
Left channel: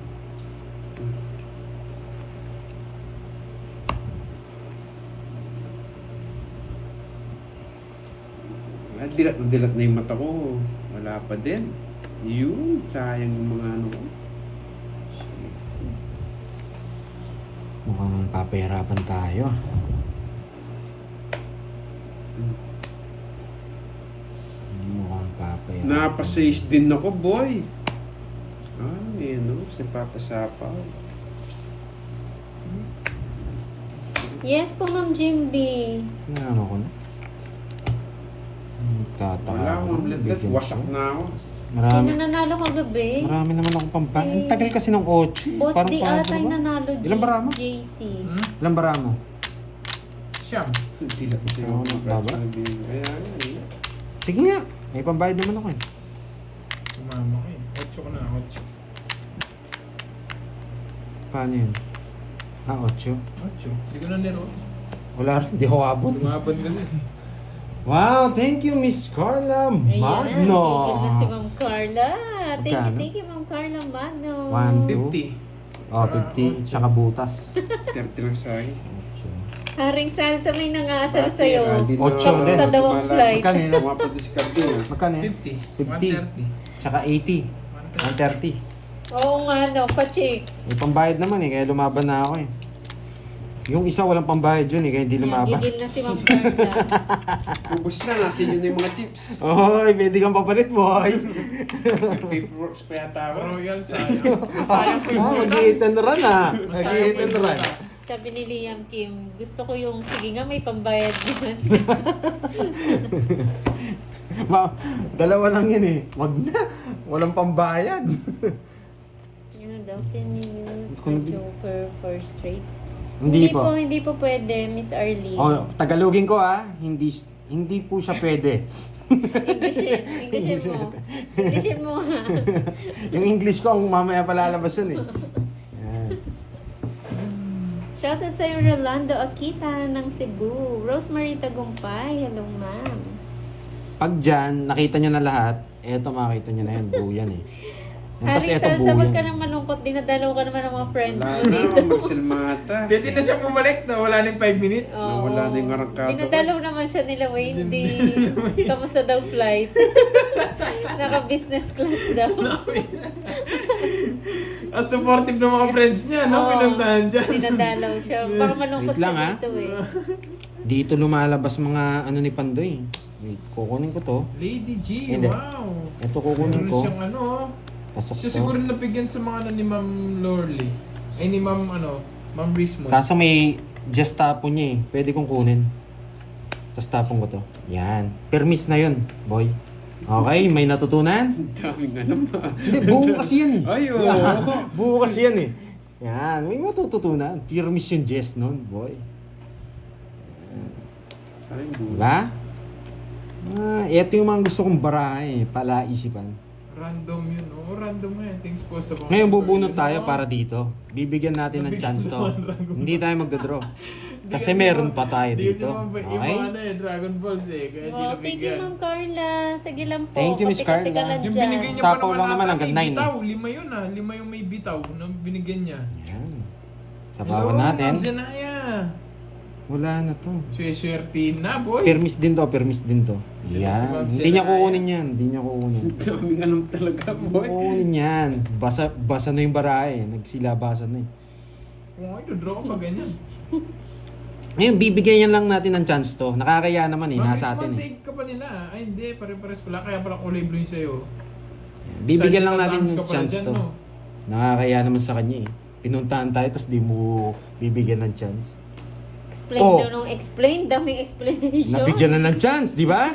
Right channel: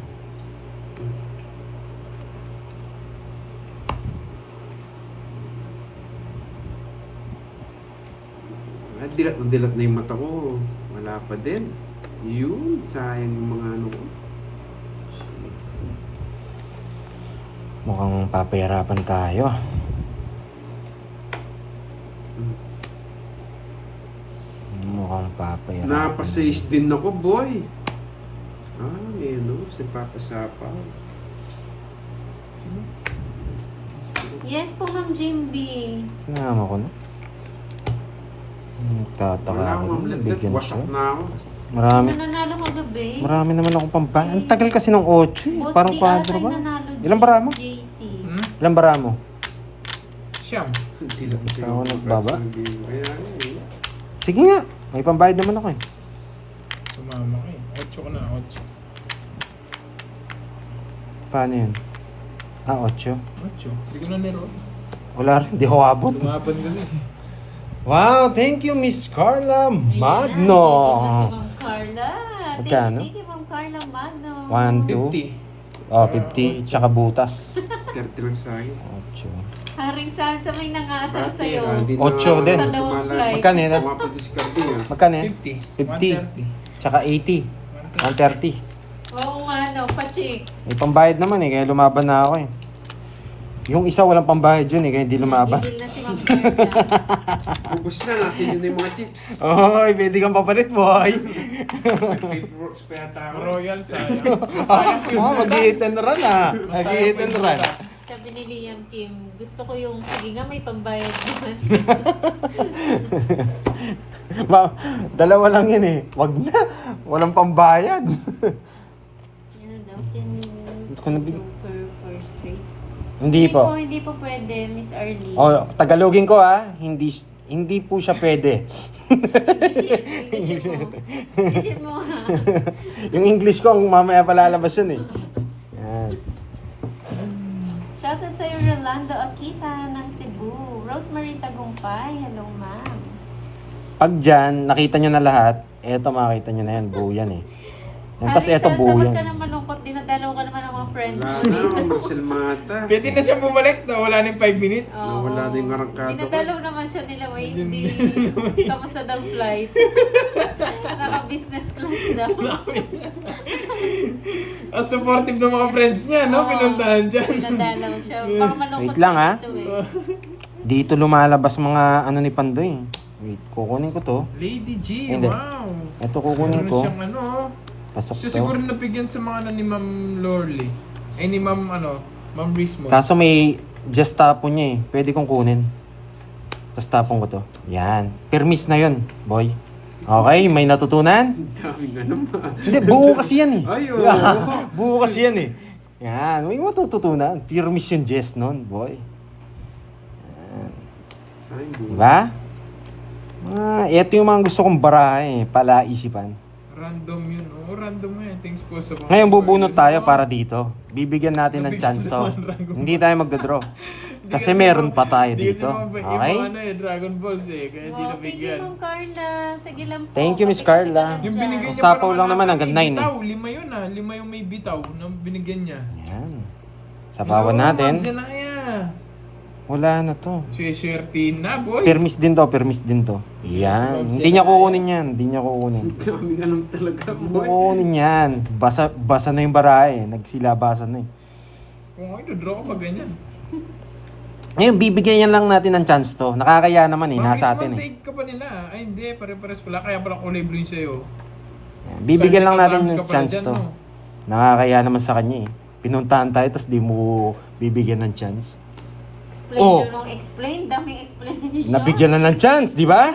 Dilat na yung mata ko. Wala pa din. Yun, sayang yung mga ano ko. Mukhang papahirapan tayo. Mukhang papahirapan. Napasayis din ako, boy. Ah, yun o. Si Papa Sapa. Yes po, Ma'am Jimby. Sinama ko na. Tataka. Wala akong mamlet. Wasak na ako. Marami. Sino nanalo kagabi? Marami naman akong pampang. Ang tagal kasi ng 8. Boss Parang D paano ata yung ba? nanalo. Ilang bara mo? JC. Ilang bara mo? Siyam. Dilat na Ako yung nagbaba? Kaya eh. Sige nga. May pambayad naman ako eh. Sumama ka eh. 8 ko na, 8. Paano yun? 8. 8. Hindi ko na niro. Wala rin. Di ako abot. Lumaban ka din. Wow, thank you Miss Carla Magno. Thank you na si Ma'am Carla. Magkano? Thank you, Ma'am Carla Magno. 1, 50. 50, tsaka butas. 30 lang sa akin. 8. Haring salsa may nangasal Ate, sa'yo. hindi na Ocho ako din. Kamusta daw ang tumala- flight? Magkano yun? Mapadiskarte ah. Magkano yan? 50. 50. 130. Tsaka 80. 130. Oo nga, no, pa-chicks. May pambayad naman eh, kaya lumaban na ako eh. Yung isa walang pambayad yun eh, kaya hindi lumaban. Gigil na si Ma'am Carla. Ubus na, nasa inyo na yung mga chips. Oy, pwede kang papalit boy. Paperworks pa yata ako. Royal sayang. Sayang po yung butas. Mag-i-hit and run ah. Masayang po Mag-i-hit yung and run. butas. Sabi ni Liam Kim, gusto ko yung, sige nga, may pambayad naman. Dalawa lang yun eh. Wag na. Walang pambayad. Ano daw, can you use Gusto ko na for straight? Hindi po. Hindi po pwede, Miss Arlene. Oh, Tagalogin ko ah. Hindi po siya pwede. Englishin mo. Englishin mo ha. Yung English ko, ang mamaya palalabas yun eh. Yan. Shoutout sa'yo, Rolando Akita ng Cebu. Rosemary Tagumpay. Hello, ma'am. Pag dyan, nakita nyo na lahat, eto makita nyo na yan, buo yan eh. Yan, tas eto Salsa, buo wag ka yan. nang malungkot. Dinadalaw ka naman ng mga friends Wala mo na, dito. Marcel Mata. Pwede na siya bumalik na. Wala na yung 5 minutes. Oo. Nawala na yung arangkado ko. Dinadalaw naman siya nila, Wendy. Kamusta daw flight? Naka-business class daw. Ang supportive ng mga friends niya, no? Oo. Pinuntahan dyan. Dinadalaw siya. Baka malungkot Wait lang, siya ha? dito eh. Dito lumalabas mga ano ni Pandoy. Wait, kukunin ko to. Lady G, Hindi. wow. Ito kukunin Meron ko. siyang ano. Pasok Siya to. siguro nabigyan sa mga ano ni Ma'am Lorly. Ay ni Ma'am ano, Ma'am Rismo. Kaso may just tapon niya eh. Pwede kong kunin. Tapos tapon ko to. Yan. Permis na yun, boy. Okay, may natutunan? Ang daming ano ma. Hindi, buo kasi yan eh. Ay, oo. Buo kasi yan eh. Yan, may matututunan. Permis yung Jess nun, boy. Sayang buo. Diba? Ito yung mga gusto kong barahe eh. Palaisipan. Random yun. Oh, random nga yun. Thanks po sa mga... Ngayon bubunot tayo para dito. Bibigyan natin ng chance to. Hindi tayo magdadraw. Kasi meron pa tayo dito. Hindi kasi Okay? mga ano eh, Dragon Balls eh. Kaya di Oh, thank you, nabigyan. Ma'am Carla. Sige lang po. Thank you, Miss Kape-kape ka Carla. lang Yung dyan. binigay niya Sapaw parang lang naman wala hanggang pa, 9. Bitaw, 5 yun ah. 5 yung may bitaw na binigyan niya. Yan. Sapawan natin. Ma'am Zenaya. Wala na to. Swerte na, boy. Permis din to, permis din to. Yan. Hindi niya kukunin yan. Hindi niya kukunin. Ang daming anong talaga, Hindi boy. kukunin yan. Basa na yung barahe. Nagsilabasan na eh. Kung ako, draw ko pa ganyan. Ngayon, bibigyan lang natin ng chance to. Nakakaya naman eh, nasa atin eh. Take ka pa nila. Ay hindi, pare-pares pala. Kaya pala kulay blue yung sa'yo. Bibigyan lang natin Arms ng ka pala chance dyan, to. no? Nakakaya naman sa kanya eh. Pinuntahan tayo, tapos di mo bibigyan ng chance. Explain Oh. daw nung explain. Daming explanation. Nabigyan na ng chance, di ba?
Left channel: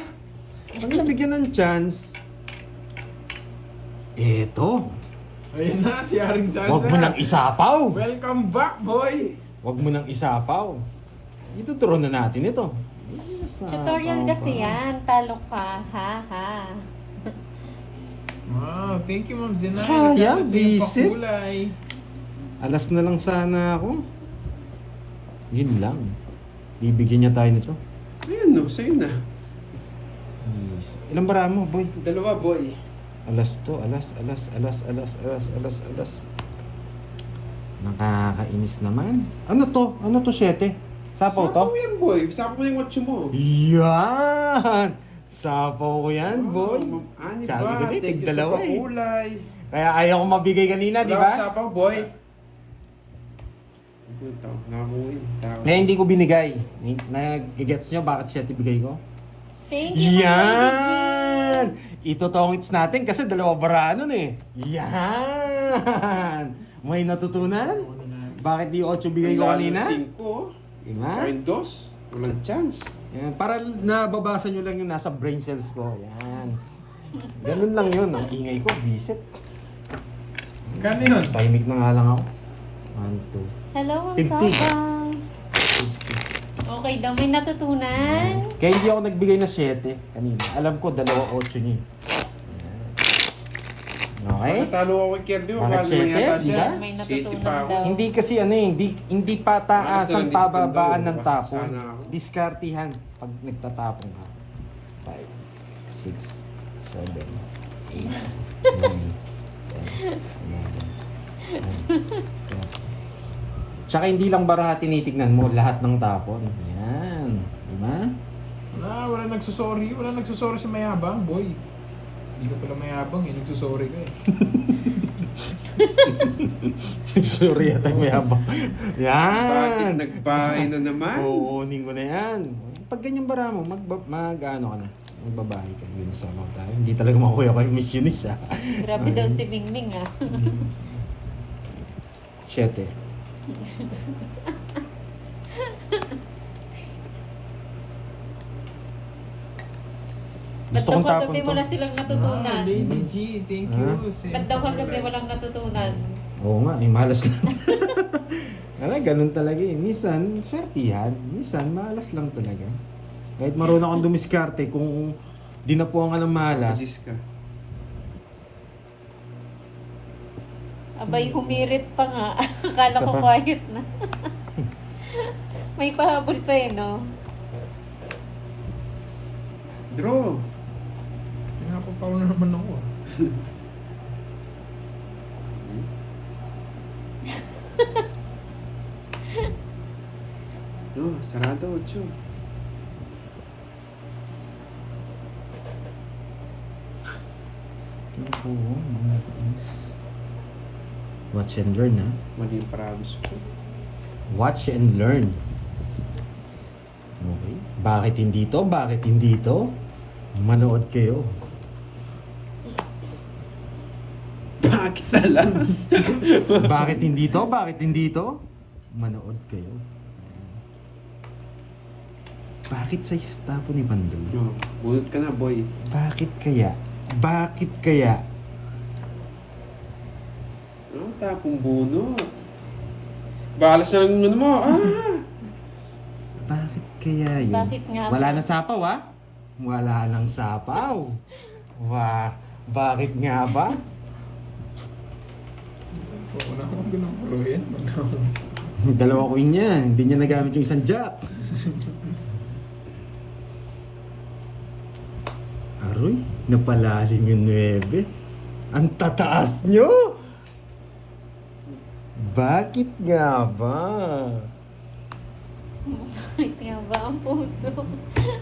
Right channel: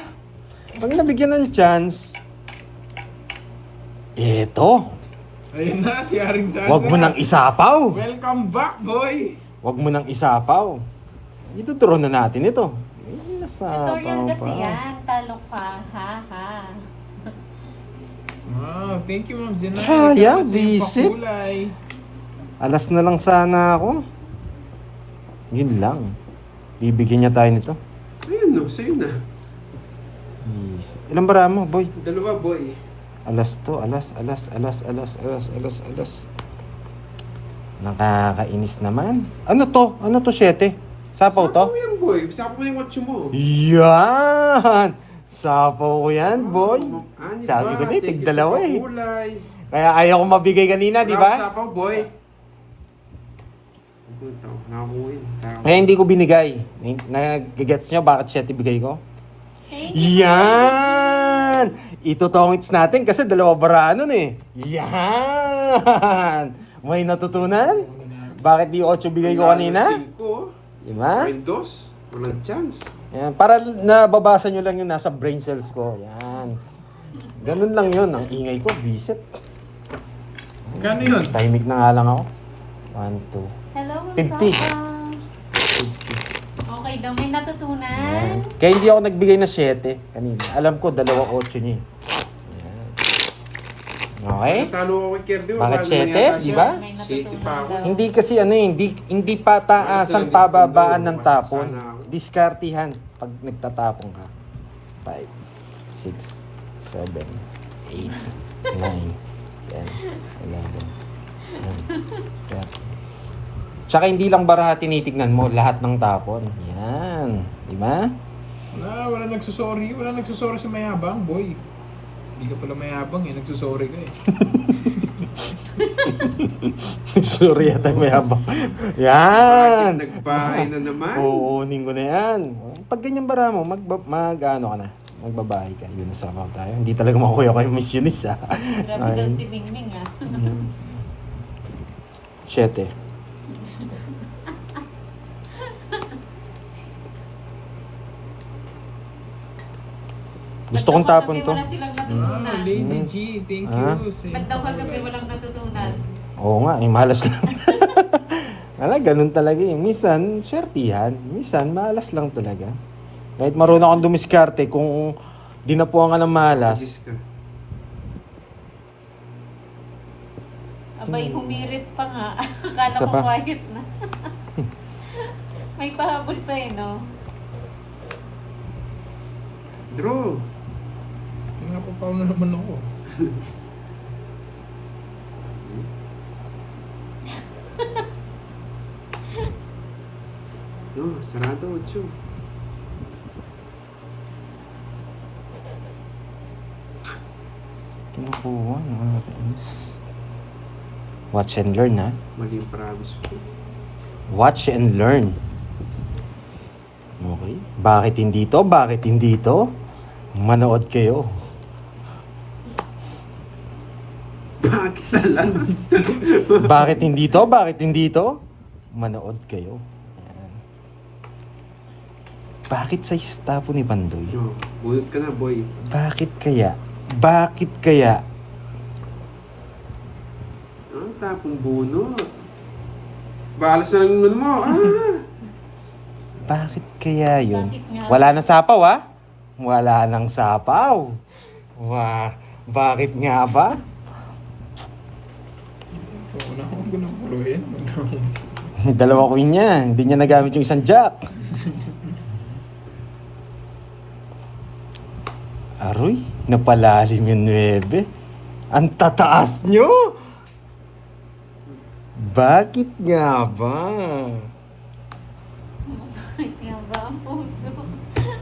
Pag nabigyan ng chance, eto, Ayun na, si Haring Salsa. wag mo nang isapaw. Welcome back, boy! Wag mo nang isapaw. Ituturo na natin ito. Tutorial kasi yan. Talo ka. Ha ha. Wow, thank you, Ma'am Zinay. Sayang, Kasi yung visit. pakulay. Alas na lang sana ako. Yun lang. Bibigyan niya tayo nito. Ayun no, sa'yo na. Ilang bara mo, boy? Dalawa, boy. Alas to, alas. Nakakainis naman. Ano to? Ano to, 7? Sapaw to? Sapaw yan, boy. Sapaw mo yung otso mo. Yan! Sapaw ko yan, boy. Ani Sabi ba? ko na, Thank you sa tigdalawa eh. pakulay. Kaya ayaw ko mabigay kanina, di Wala akong ba? sapaw, boy. Nakakuhin. Ngayon hindi ko binigay. Nag-gets nyo bakit 7 bigay ko? Thank you. Yan! Itutongits natin kasi dalawa bara nun eh. Yan! May natutunan? Bakit di 8 bigay ko kanina? 5. Diba? Windows. Walang chance. Yan. Para nababasa nyo lang yung nasa brain cells ko. Yan. Ganun lang yun. Ang ingay ko, bisit. Kano yun? Tahimik na nga lang ako. 1, 2. Hello, Ma'am 50. Sapa. Okay daw, may natutunan. Kaya hindi ako nagbigay na 7 kanina. Alam ko, 2-8 niya. Yan. Okay? Natalo ako kay Kirby. Bakit Wala naman 7? yata Di siya. ba? May 7 pa natutunan ako. daw. Hindi kasi ano eh, hindi pa taasan Minsan, pababaan dispondo, ng basta tapon. sana ako. Diskartihan pag nagtatapon ka. 5, 6, 7, 8, 9, 10, 11, 12. Tsaka hindi lang baraha tinitignan mo, lahat ng tapon. Yan. Di ba? Wala nagsusorry. Wala nagsusorry si Mayabang, boy. Hindi ka pala mayabang eh, nagsusorry ka eh. Sorry yata may habang. Bakit Yan. nagbahay na naman? Uunin ko na yan. Pag ganyan bara mo, ano ka na. Magbabahay ka. Yun sa mga tayo. Hindi talaga makuya kayo Miss Eunice ha. Grabe daw si Mingming ah. 7. Gusto kong tapon to. Wala silang natutunan. Ah, Lady G, thank Ah? you. Ba't daw kagabi walang natutunan? Oo nga, malas lang. Ganun talaga yun. Minsan, swertihan. Minsan, malas lang talaga. Kahit marunong akong dumiskarte, kung dinapuan ka ng malas, Magis ka. Abay, humirit pa nga. Akala Isa ko pa. quiet na. May pahabol pa eh, no? Draw. Napapaw na naman ako. No, sarado, 8. tinukuha ng mga kainis. Watch and learn ha. Mali yung promise ko. Watch and learn. Okay. Bakit hindi to? Bakit hindi to? Manood kayo. Bakit talas? Bakit hindi to? Bakit hindi to? Manood kayo. Ayan. Bakit sa tapo ni Pandoy? No, bunot ka na, boy. Bakit kaya? Bakit kaya? Ah, tapong bunot. Balas na lang yung ano mo. Bakit kaya yun? Bakit nga? Wala nang sapaw ha? Wala nang sapaw. Bakit nga ba? Wala akong ganun bro yan. Dalawa queen niya. Hindi niya nagamit yung isang jack. Aroy, napalalim yung 9. Ang tataas nyo! Bakit nga ba? Kaya ba ang puso?